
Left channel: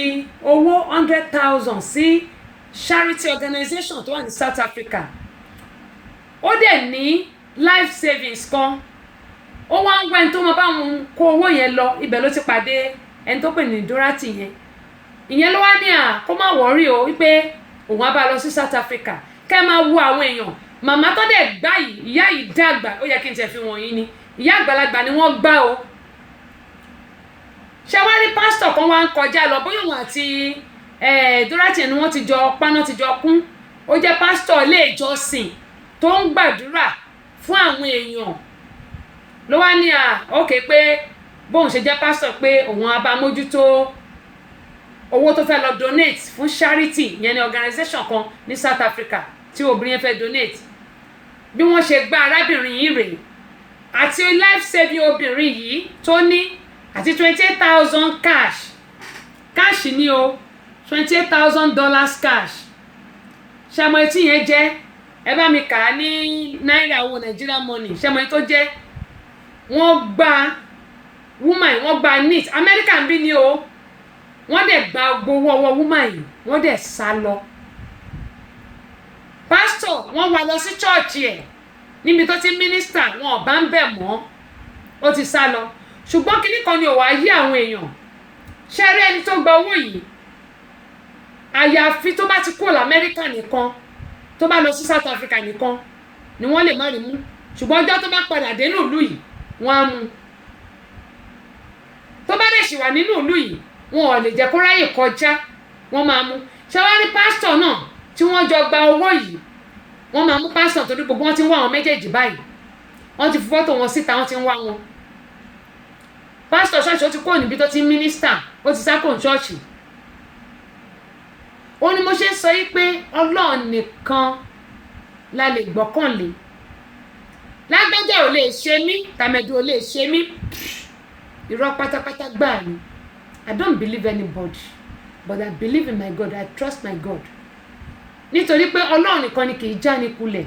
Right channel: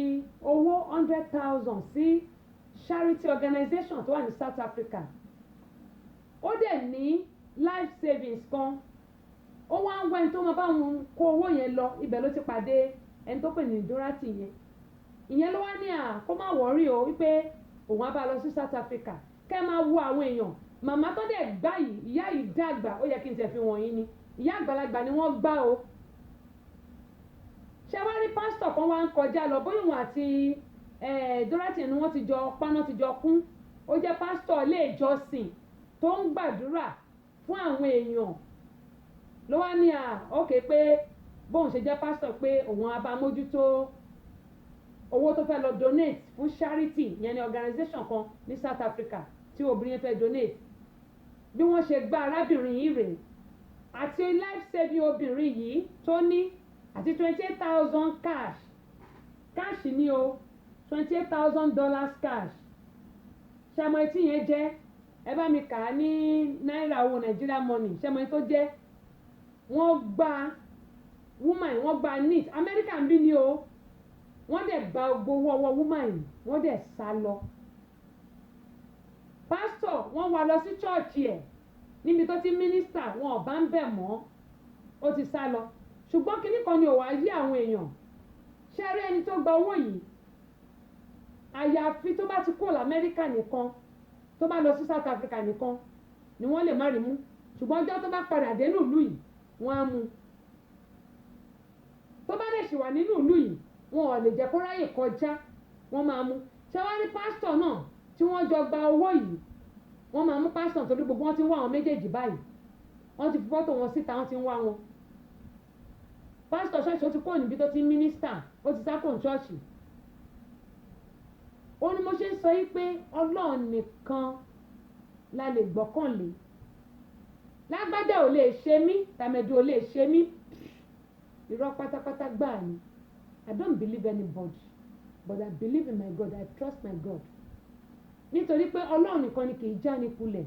owó 100,000 sí charity organization tó wà ní South Africa ó dẹ̀ ní life savings kan ó wá ń gbá ẹni tó máa bá wọn kó owó yẹn lọ ibẹ̀ ló ti pàdé ẹni tó pè ní Dorothy yẹn ìyẹn ló wá ní kó má wọ́rí o wípé òun á bá lọ sí South Africa kẹ́ máa wo àwọn èèyàn màmá tó dẹ̀ gbá yìí ìyá yìí dàgbà ó yẹ kí n tẹ̀ fi wọ̀nyí ni ìyá àgbàlagbà ni wọ́n gbá o ṣé wá rí pásítọ̀ kan wá ń kọjá lọ bóyá òun àti Dorothy ni wọ́n ti jọ paná ti jọ kún ó jẹ́ pásítọ̀ ilé ìjọsìn tó ń gbàdúrà fún àwọn èèyàn ló wá ní ókè pé bóun ṣe jẹ́ pásítọ̀ pé òun á bá mójútó owó tó fẹ́ lọ donate fún charity yẹn ní organization kan ní South Africa tí obìnrin yẹn fẹ́ donate bí wọ́n ṣe gba arábìnrin yìí rèé àti life saving obìnrin yìí tó ní àti 28,000 cash ní o $28,000 cash ṣàmọ etí yẹn jẹ́ ẹ bá mi kà á ní náírà owó Nigerian money ṣàmọ etí tó jẹ́ wọ́n gba woman wọ́n gba neat American bí ni o wọ́n dẹ̀ gba gbowó ọwọ́ woman yìí wọ́n dẹ̀ sá lọ pastor wọ́n wá lọ sí church ẹ̀ níbi tó ti minister wọn ò bá ń bẹ̀ mọ́ ó ti sá lọ ṣùgbọ́n kinní kan ni ò wá yí àwọn èèyàn ṣẹ́rí ẹni tó gba owó yìí àyàfi tó bá ti kúrò lamẹ́ríkà nìkan tó bá lọ sí South Africa nìkan ni wọ́n lè má rí mú ṣùgbọ́n ọjọ́ tó bá padà dé nílùú yìí wọ́n á mú tó bá dẹ̀ ṣì wà nínú ìlú yìí wọn ò lè jẹ́ kó ráyè kọjá wọ́n máa mú ṣẹ́wárí pásítọ̀ náà tí wọ́n jọ gba owó yìí wọ́n máa mú pásítọ̀ torí gbogbo wọn ti ń wá àwọn méjèèjì báyìí wọ́n ti fi fọ́tò wọn síta wọ́n ti ń wá wọn pásítọ̀ ṣọ́ọ̀ṣì ó ti kúrò níbi tó ti ń mínísítà ó ti sá kúrò ṣọ́ọ̀ṣì ó ní mo ṣe ń sọ yí pé Ọlọ́run nìkan la lè gbọ́kànlé lágbájá ò lè ṣe mí tàmẹ̀dù ò lè ṣe mí irọ́ pátápátá gbáà ni I don't believe anybody but I believe in my God. I trust my God nítorí pé Ọlọ́run nìkan ni kì í já ní kulẹ̀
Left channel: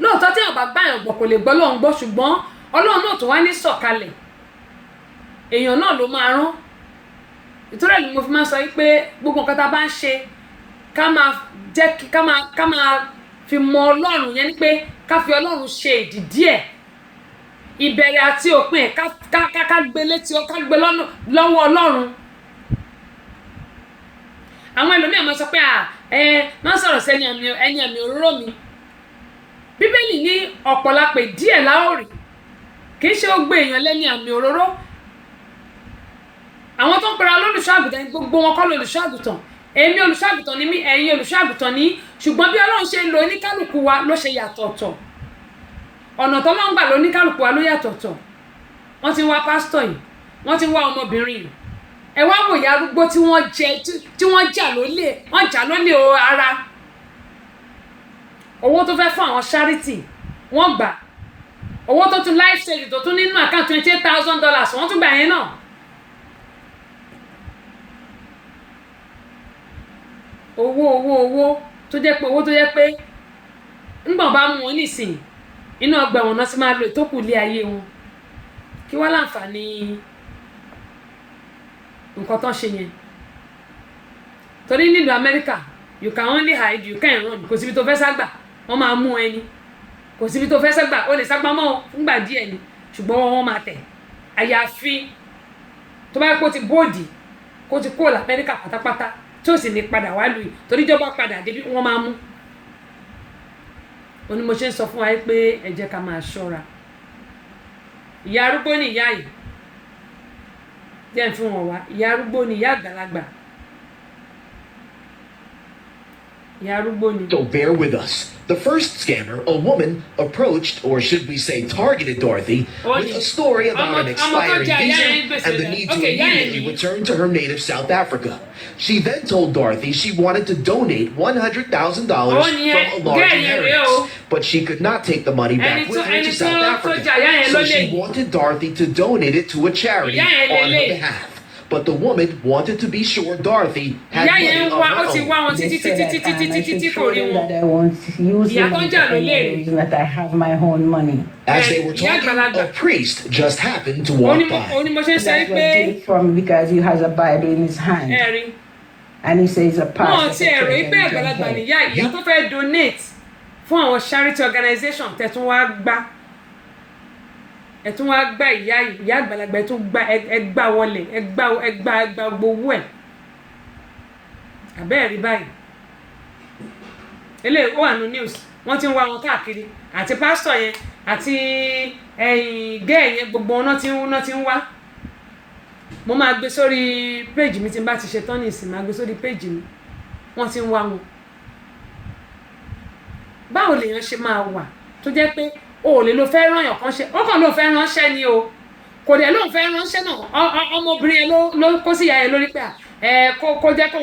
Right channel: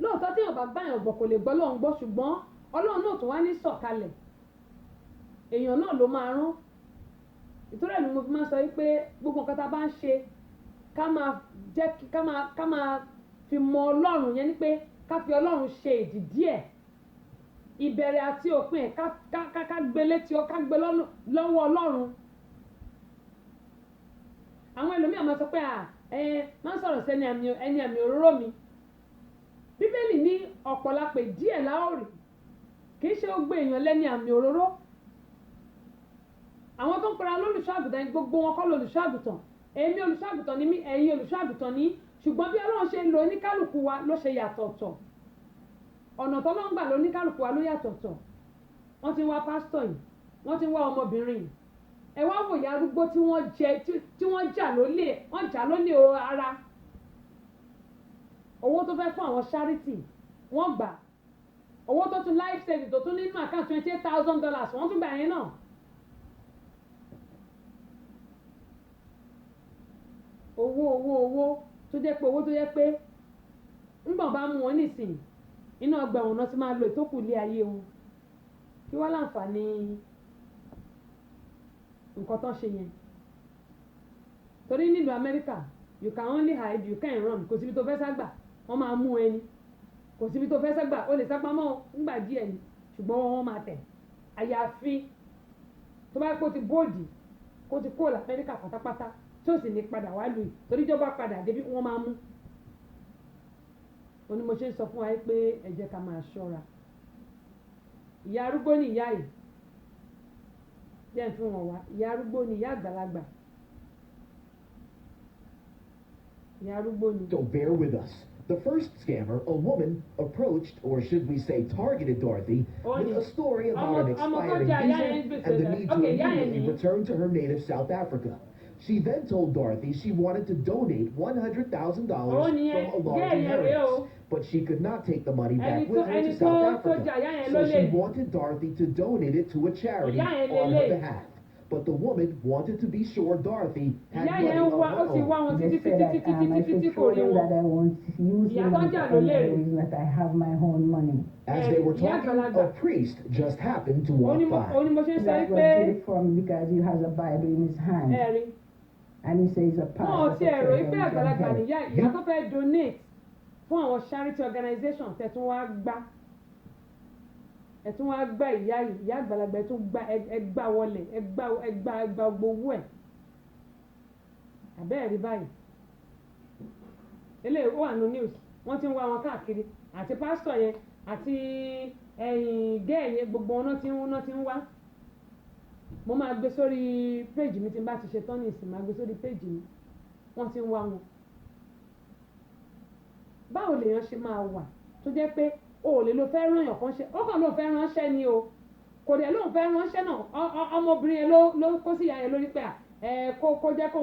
lóòótọ́ tí èèyàn bá gbá èèyàn gbọ́ kò lè gbọ́ Ọlọ́run gbọ́ ṣùgbọ́n Ọlọ́run náà tó wá ní sọ̀kalẹ̀ èèyàn náà ló máa rán ìtúrẹ́ ni mo fi máa sọ pé gbogbo nǹkan tá a bá ń ṣe ká máa fi mọ Ọlọ́run yẹn ni pé ká fi Ọlọ́run ṣe ìdìdí ẹ̀ ìbẹ̀rẹ̀ àti òpin ẹ̀ ká gbé létí ọ ká gbé lọ́wọ́ Ọlọ́run àwọn ẹlòmíì máa sọ pé máa sọ̀rọ̀ sí ẹni àmì òróró mi Bíbélì ní ọ̀pọ̀lápẹ̀ díẹ̀ láòrì kì í ṣe ó gbé èèyàn lẹ́ni àmì òróró àwọn tó ń pera olùṣọ́àgùtàn gbogbo wọn kọ́ lolùṣọ́àgùtàn èmi olùṣọ́àgùtàn ni mí ẹ̀yin olùṣọ́àgùtàn ni ṣùgbọ́n bí Ọlọ́run ṣe ń lo oníkálùkù wa ló ṣe yàtọ̀ọ̀tọ̀ ọ̀nà tó máa ń gbà lọ oníkálùkù wa ló yàtọ̀ọ̀tọ̀ wọ́n ti ń wá pásítọ̀ yìí wọ́n ti ń wá ọmọbìnrin yìí ẹ wá wòye arúgbó tí wọ́n jà lólè ara owó tó fẹ́ fún àwọn charity wọ́n gbà owó tó tún life saving tó tún nínú account $28,000 wọ́n tún gbà yẹn náà owó tó jẹ́ pé owó tó jẹ́ pé ńgbọ̀n bá mú wọn nísìnyí inú ọgbà ẹ̀wọ̀n náà sì máa lo ìtókù ilé ayé wọn kí wọ́n láǹfààní nǹkan tó ń ṣe yẹn torí nílùú Amẹ́ríkà you can only hide you can't run kò síbi tó fẹ́ ságbà wọ́n máa mú ẹni kò síbi tó fẹ́ sẹ́gbà ó lè sápamọ́ fúngbà díẹ̀ ni ṣùgbọ́n wọ́n máa tẹ̀ àyàfi tó bá kó ti bóòdì kó ti kó l'Amẹ́ríkà pátápátá tí ó sì ní padà wá lùi torí ìjọba padà débi wọ́n máa mú ó ní mo ṣe ń sọ fún wa pé ẹ jẹ́ ká máa ṣọ́ra ìyá arúgbó ni ìyá yìí jẹ́ ń fi wọn wá ìyá arúgbó ni ìyá àgbàlagbà ìyá arúgbó ni. So bear with us. The first scammer, a woman, approached, or should we say targeted Dorothy, with a story about an expiring visa and the need to immediately return to her native South Africa. She then told Dorothy she wanted to donate $100,000 from a large inheritance, but she could not take the money back with her to South Africa. So she wanted Dorothy to donate it to a charity on her behalf. But the woman wanted to be sure Dorothy had money of her own. They said that I should show them that I won't use the money for any reason, that I have my own money. As they were talking, a priest just happened to walk by. That's what did it for me because he has a Bible in his hand. And he says a pastor. ìyá tó fẹ́ donate fún àwọn charity organization tẹ̀tún wá gbá ìyá àgbàlagbà ẹ̀tún gbá ẹgbà wọlé ẹgbà gbowó ẹ̀ àbẹ́ẹ̀rí báyìí eléyìí ó wà ní news wọ́n ti ń wá wọn káàkiri àti pásítọ̀ yẹn àti gẹ́ẹ̀ yẹn gbogbo wọn náà ti ń wá mo máa gbé sórí péjì mi tí n bá ti ṣe tán ní ìsìn máa gbé sórí péjì mi wọ́n ti ń wá wọn báwo lèèyàn ṣe máa wà tó jẹ́ pé o lè lo fẹ́ rányàn kan ṣe ó kàn ló fẹ́ ránṣẹ́ ni o kò dẹ̀ lóun fẹ́ ránṣẹ́ náà ọmọbìnrin yẹn ló kó sí ìyá yẹn lórí pé kó jẹ́ kó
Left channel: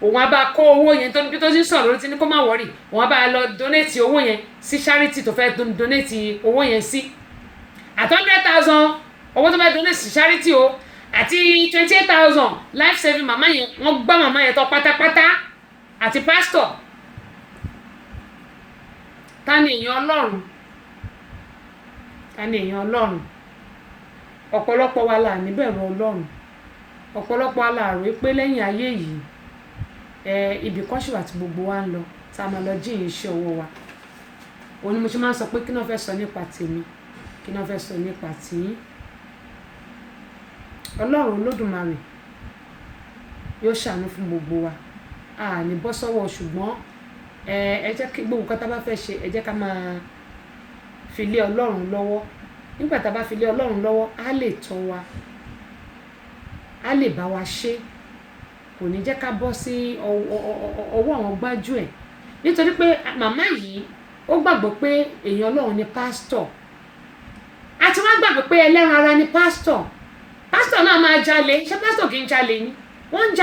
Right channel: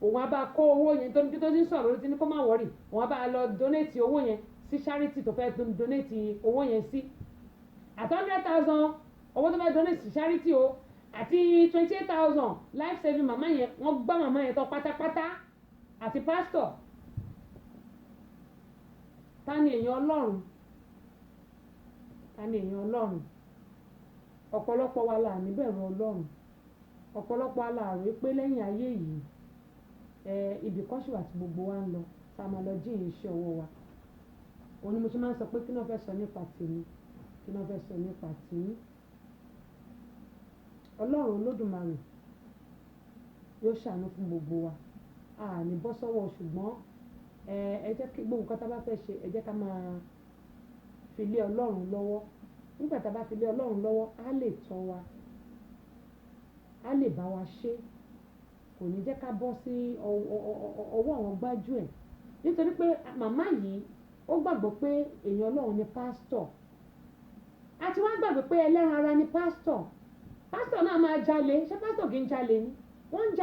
òun á bá kó owó yẹn tó ti sọ̀rọ̀ lórí ti ní kó má wọ́rì òun á bá lọ donate owó yẹn sí charity tó fẹ́ donate owó yẹn sí at 100,000 owó tó fẹ́ donate sí charity o àti 28,000 life saving màmá yẹn wọ́n gbá màmá yẹn tọ́ pátápátá àti pastor ta ni èèyàn Ọlọ́run ọ̀pọ̀lọpọ̀ wa là níbẹ̀rù Ọlọ́run ọ̀pọ̀lọpọ̀ wa là rò pé lẹ́yìn ayé yìí ibì kan ṣì wà tí gbogbo wa ń lọ tá a máa lọ jíyìn iṣẹ́ owó wa òun ni mo ṣe máa ń sọ pé kí náà fẹ́ sọ nípa tèmi kí náà fẹ́ sọ nípa tìyín Ọlọ́run Olódùmarè yóò ṣàánú fún gbogbo wa a ní bọ́ sọ́wọ́ ṣùgbọ́n ẹ jẹ́ kí gbogbo nǹkan tá a bá fẹ́ ṣe ẹ jẹ́ ká máa fi lé Ọlọ́run lọ́wọ́ nígbà tá a bá fi lé Ọlọ́run lọ́wọ́ á lè tọ́ wa á lè bá wa ṣe kò ní jẹ́ ká bọ́ sí ọwọ́ àwọn gbájú ẹ̀ nítorí pé màmá yìí ó gbàgbọ́ pé èèyàn Ọlọ́run ni pásítọ̀ àti wọ́n gbàgbọ́ pé ẹlẹ́ran ara ni pásítọ̀ náà máa jalè ṣé pásítọ̀ kì í jalè ni wọ́n ń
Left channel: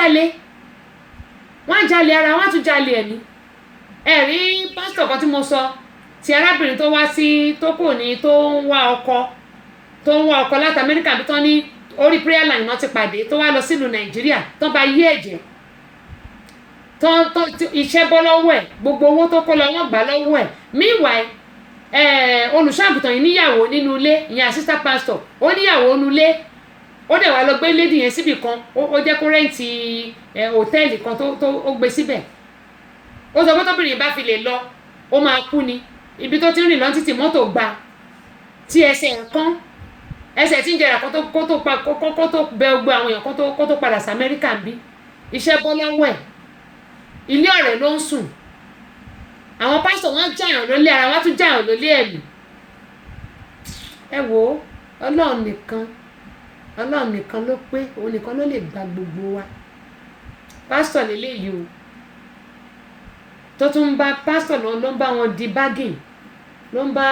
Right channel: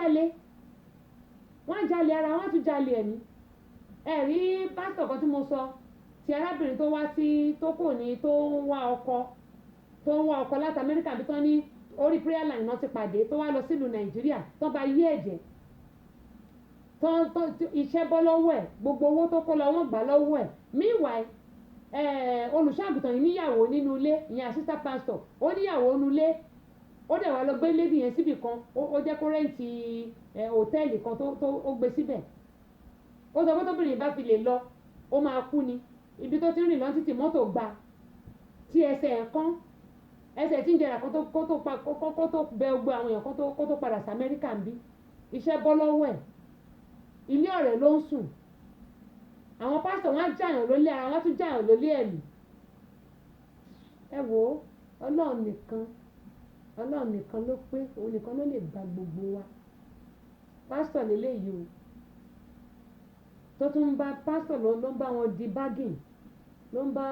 jalè ara wọ́n á tún jalè ẹ̀mí ẹ̀rí pásítọ̀ kan tí mo sọ ti arábìnrin tó wá sí tó kò ní tó ń wá ọkọ láti Amẹ́ríkà bí tán ní orí prayer line náà ti pàdé tó wá lọ sílùú Nàìjíríà tán bá yí ẹ̀jẹ̀ tán iṣẹ́ bọ́ lọ́wọ́ ẹ̀ gbogbo owó tó kó lọ wọ́n gbà lọ́wọ́ ẹ̀ meanwhile olùṣọ́àgùtàn yìí níyàwó nínú ilé ìyẹn assistant pastor ó níyàwó nínú ilé ó dẹ̀ wá lọ gbé lady yẹn síbì kan ó jẹ́ kó rẹ́ǹtì hòtẹ́ẹ̀lì kan tó gbé síbẹ̀ ó sọ pé tóbìnrin bá fi lè lọ ó máa kú ni ibi tó ti ń rìn lọ títí mọ́tò gba tí ẹsẹ̀ nǹkan ẹsẹ̀ tí ń jẹrà kó tó bẹ gbogbo àwọn èèyàn kó tó padà sí Amẹ́ríkà ń bí iṣẹ́ bọ́ lọ́wọ́ ẹ̀ ilé ọ̀rẹ́ ló ń sùn àwọn pásítọ̀ wọn jàyàn lólé ara wọn tún jàyàn lólé ẹ̀mí ẹ wo Ọlọ́run nìkan ló pé òun nìkan ló lè gba gbogbo wa pásítọ̀ lélẹ́yìí o tó tún ń bá pásítọ̀ ló ń bá wọn di bargain ló ń bá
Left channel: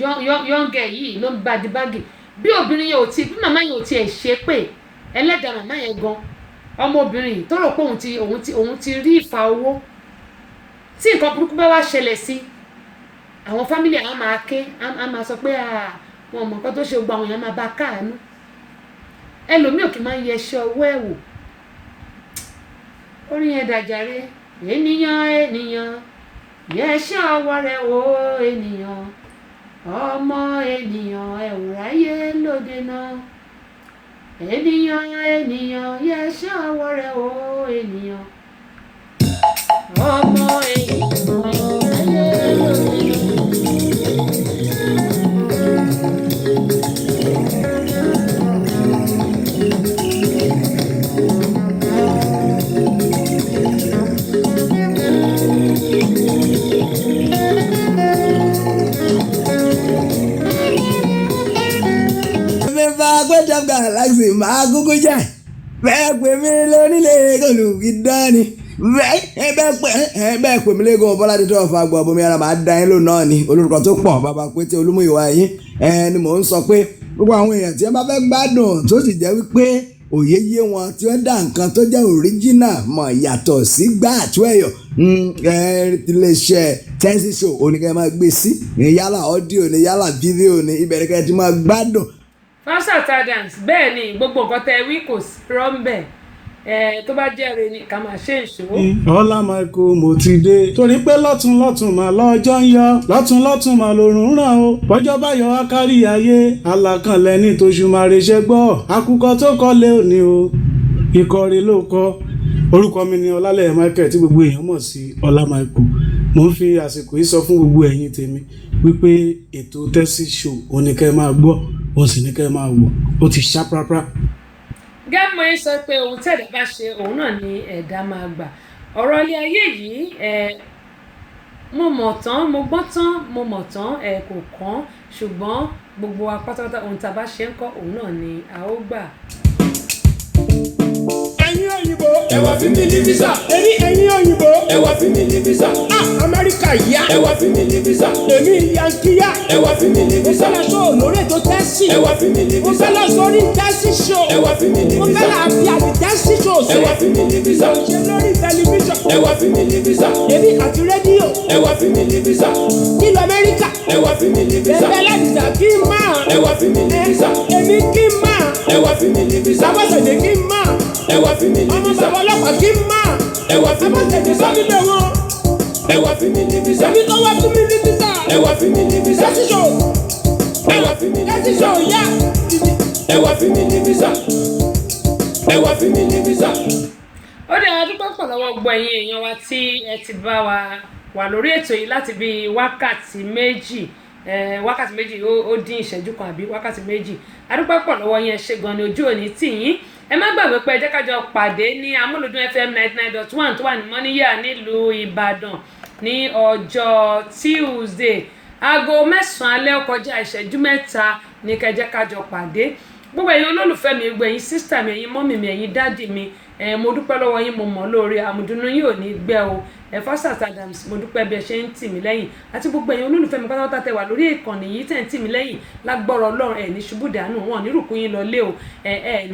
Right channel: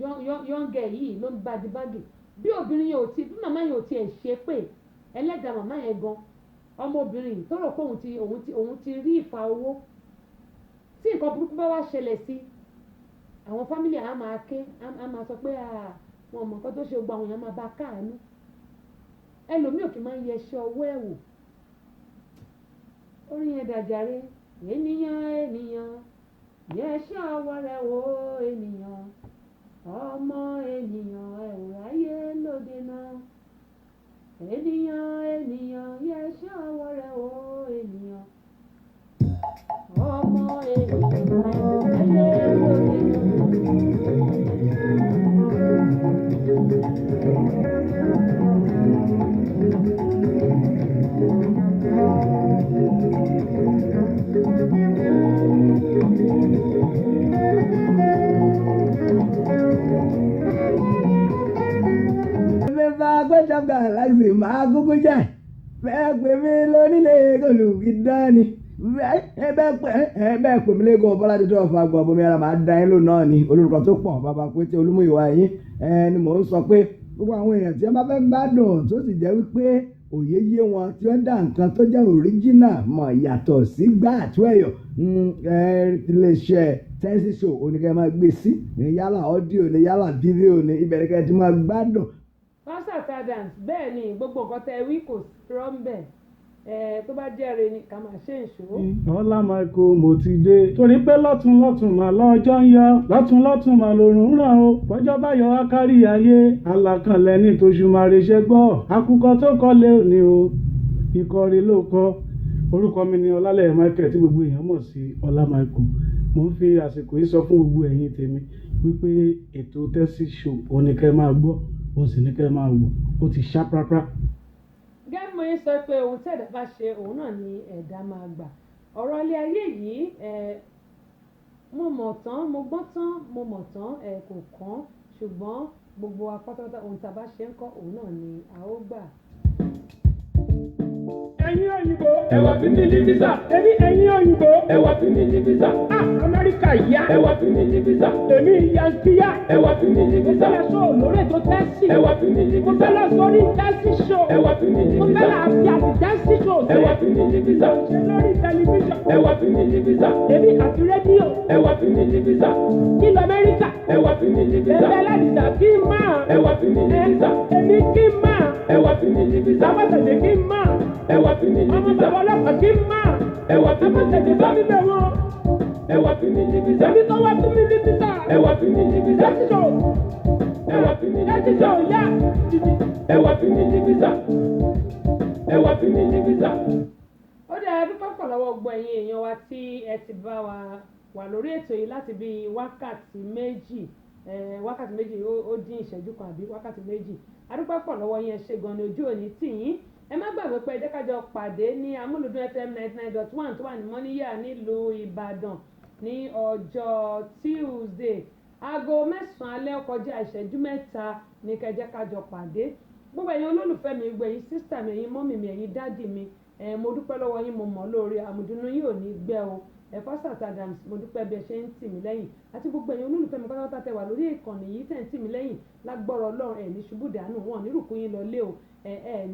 yọ̀ǹgẹ̀ yìí ló ń bá di bargain bí obìnrin yẹn bí màmá yẹn ò tiẹ̀ ṣe pé ẹlẹ́dàá màmá yẹn gan ọmọbìnrin yìí tó rò pé òun ti rí ìfà owó tí nǹkan burúkú bá wá ṣẹlẹ̀ sí àwọn fámìlì àwọn máa ké á máa sọ pé wọn mọ̀ nǹkan tó ṣe gbogbo àwọn èèyàn máa bá káàánú ẹlòmíì òkè máa ń yẹ iṣẹ́ ọwọ́ ẹ̀ wò orin yẹn dàjàre ènìyàn yẹ iṣẹ́ ọwọ́ rẹ wò ènìyàn ọmọ ènìyàn ẹ ò ráyè lóde náà ènìyàn yẹ iṣẹ́ ọwọ́ rẹ wò ènìyàn ọmọ ènìyàn. Top Galaxy máa kúkú jà bẹ́ẹ̀ pè mí lónílé olùkídání bẹ́ẹ̀ pè mí lẹ́gàn Bọ́ládé tó ọ̀fà gbọ́ bomi ara máa dá yín lò náà ni olórúkọ tó pọ̀ bàbá Pété Olúmúyìwá yín ni mò ń sọ pé gbogbo àwọn èèyàn tí wọ́n bá fẹ́ gbádùn tó sì jẹ́ wípé òye yé wọn tí wọ́n dá nǹkan tó jẹ́ original mọ̀ yàtọ̀ sí gbà àtúẹ̀yọ̀ iléeṣẹ́ Tẹ́sí Show oníkẹ́ máa gbé sí ní yálà ọ́díò ní yálà fídíò ní ìbẹ̀rẹ̀ kẹ́ ti máa gbádùn. Fashat Adams bẹ́ẹ̀ ni gbogbo nǹkan tẹ wí kò sí rọ́ńbẹ̀ tó bá jẹ́rìí ni ká máa ṣe ìṣó. Ọlá Michael mo ti dé torí pé lọ́tún mà lọ́jọ́ ń yọ lọ́tún mà lòrùn ràn o bọ́jọ́ bá yọ wá kárí ayé alákànlẹ̀ ní tóṣù máa reṣẹ́ gbọ́ àkùkọ tó kọ́ lé òní o ìkọrí ló kọ́ orúkọ mi ni Ọlálẹ́yẹ Michael tí gbogbo èèyàn mọ̀ sí Ọlá Michael mo ń fi àsìkò yìí sọ fún gbogbo ẹ̀yin tèmi wípé ètò Tẹ́sí Show oníkẹ́ máa gbọ́ òun sì ní kẹ́ máa wò ó ti ṣá prápra. Gẹ́mọ̀ ẹ sọ pé ohun tẹ̀dá bá ṣe òun náà ni ẹ̀dá máa gbà ọ̀rọ̀ ilé ayé yìí mo mọ̀ tán mo gbọ́n tán mo mọ̀ tán kò kàn ṣùgbọ́n gbogbo wa pátápátá ohun tá a bá ṣe ń kọ́ òun náà ni a ó gbà. ẹ̀yin òyìnbó ẹ wá fi mí ní visa. ẹ̀yin òyìnbó ẹ wá fi mí ní visa. Amẹ́ríkà yá ẹ wá fi mí ní visa. èmi yankiya ẹ wá fi mí ní visa. mo fẹ́ lọ sọ lórí ètò Tẹ́sí. ẹ wá fi mí ní visa. mo fẹ́ lọ sórí Tẹ́sí Show. ẹ wá fi mí ní visa. mo fẹ́ lọ àfi àti Tẹ́sí Show ṣe. ẹ wá fi mí ní visa. ṣe lórí tẹlifíṣàn. ẹ wá fi mí ní visa. èmi àti rédíò. ẹ wá fi mí ní visa. nílùú Amẹ́ríkà. ẹ wá fi mí ní visa. ẹgbẹ́ lẹ́dìsà kí n máa. ẹ wá fi mí ní visa. èmi kí n máa. ẹ wá fi mí ní visa. sábàṣẹ̀dẹ̀ kí n máa. ẹ wá fi mí ní visa. ọmọ bàbá ọlọ́pàá kí n máa. ẹ wá fi mí ní visa. ẹ wá fi mí ní visa. èmi tó wá fún mi ní visa. ẹ wá fi mí ní visa. Tẹ́sí Show. ẹ wá fi mí ní visa. Tẹ́sí Show yá. ẹ wá fi mí ní visa. ẹ wá fi mí ní visa. ó dẹ̀ adúpọ̀ pọ̀ lọ́wọ́ gbọ́ ẹ̀yin èèyàn wa tí ẹ ti bá wa wà lórí ètò yìí láti bí wákàtí méjì ó dín ìṣẹ́jú kan àbí wákàtí méjì adúpọ̀ pọ̀ lọ́wọ́ yẹn ṣe gan ni ojú òní tì yín ẹ má gbàgbé pé ẹ jẹ́ ká jọ pàdé ní Amúlùdún FM 99.1 tó wà ní Mọ́níyà nílùú Ìbàdàn ní ọjọ́ Tuesday aago 9 alẹ́ ó kọjá ìṣẹ́jú 3 ní ká jẹ́ ká jọ pàdé gbogbo ẹ̀yin olólùfẹ́ mi gbogbo ẹ̀yin sísítà mi ẹ̀yin mọ́mì mi ẹ̀yin dádì mi mo dúpẹ́ lọ́wọ́ yín mo mọ̀ lóore àmùdùnú yín ò ní gbẹ́ o Fashat Adams mo dúpẹ́ bí ẹ ṣe ń tì mí lẹ́yìn àti gbogbo ẹ̀yin olólùfẹ́ mi pátápátá tẹ wà lórí ìkànnì yìí tẹ̀ ń tì mí lẹ́yìn lágbọ́rọ̀ Ọlọ́run ẹ̀ ní ṣubú dànù wọn ní rùkú yín lọ lé o ẹ̀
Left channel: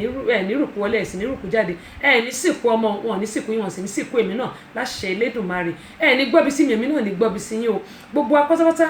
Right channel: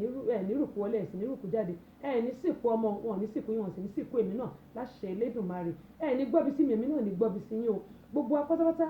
ní rùkú wọlé ẹ̀ sì ní rùkú jáde ẹ̀ ní sìnkú ọmọ wọn ní sìnkú yín wọn sì ní sìnkú èmi náà láṣẹ Elédùmarè ẹ̀ ní gbọ́bi sí mi èmi náà ní gbọ́bi sí yín o gbogbo apátápátá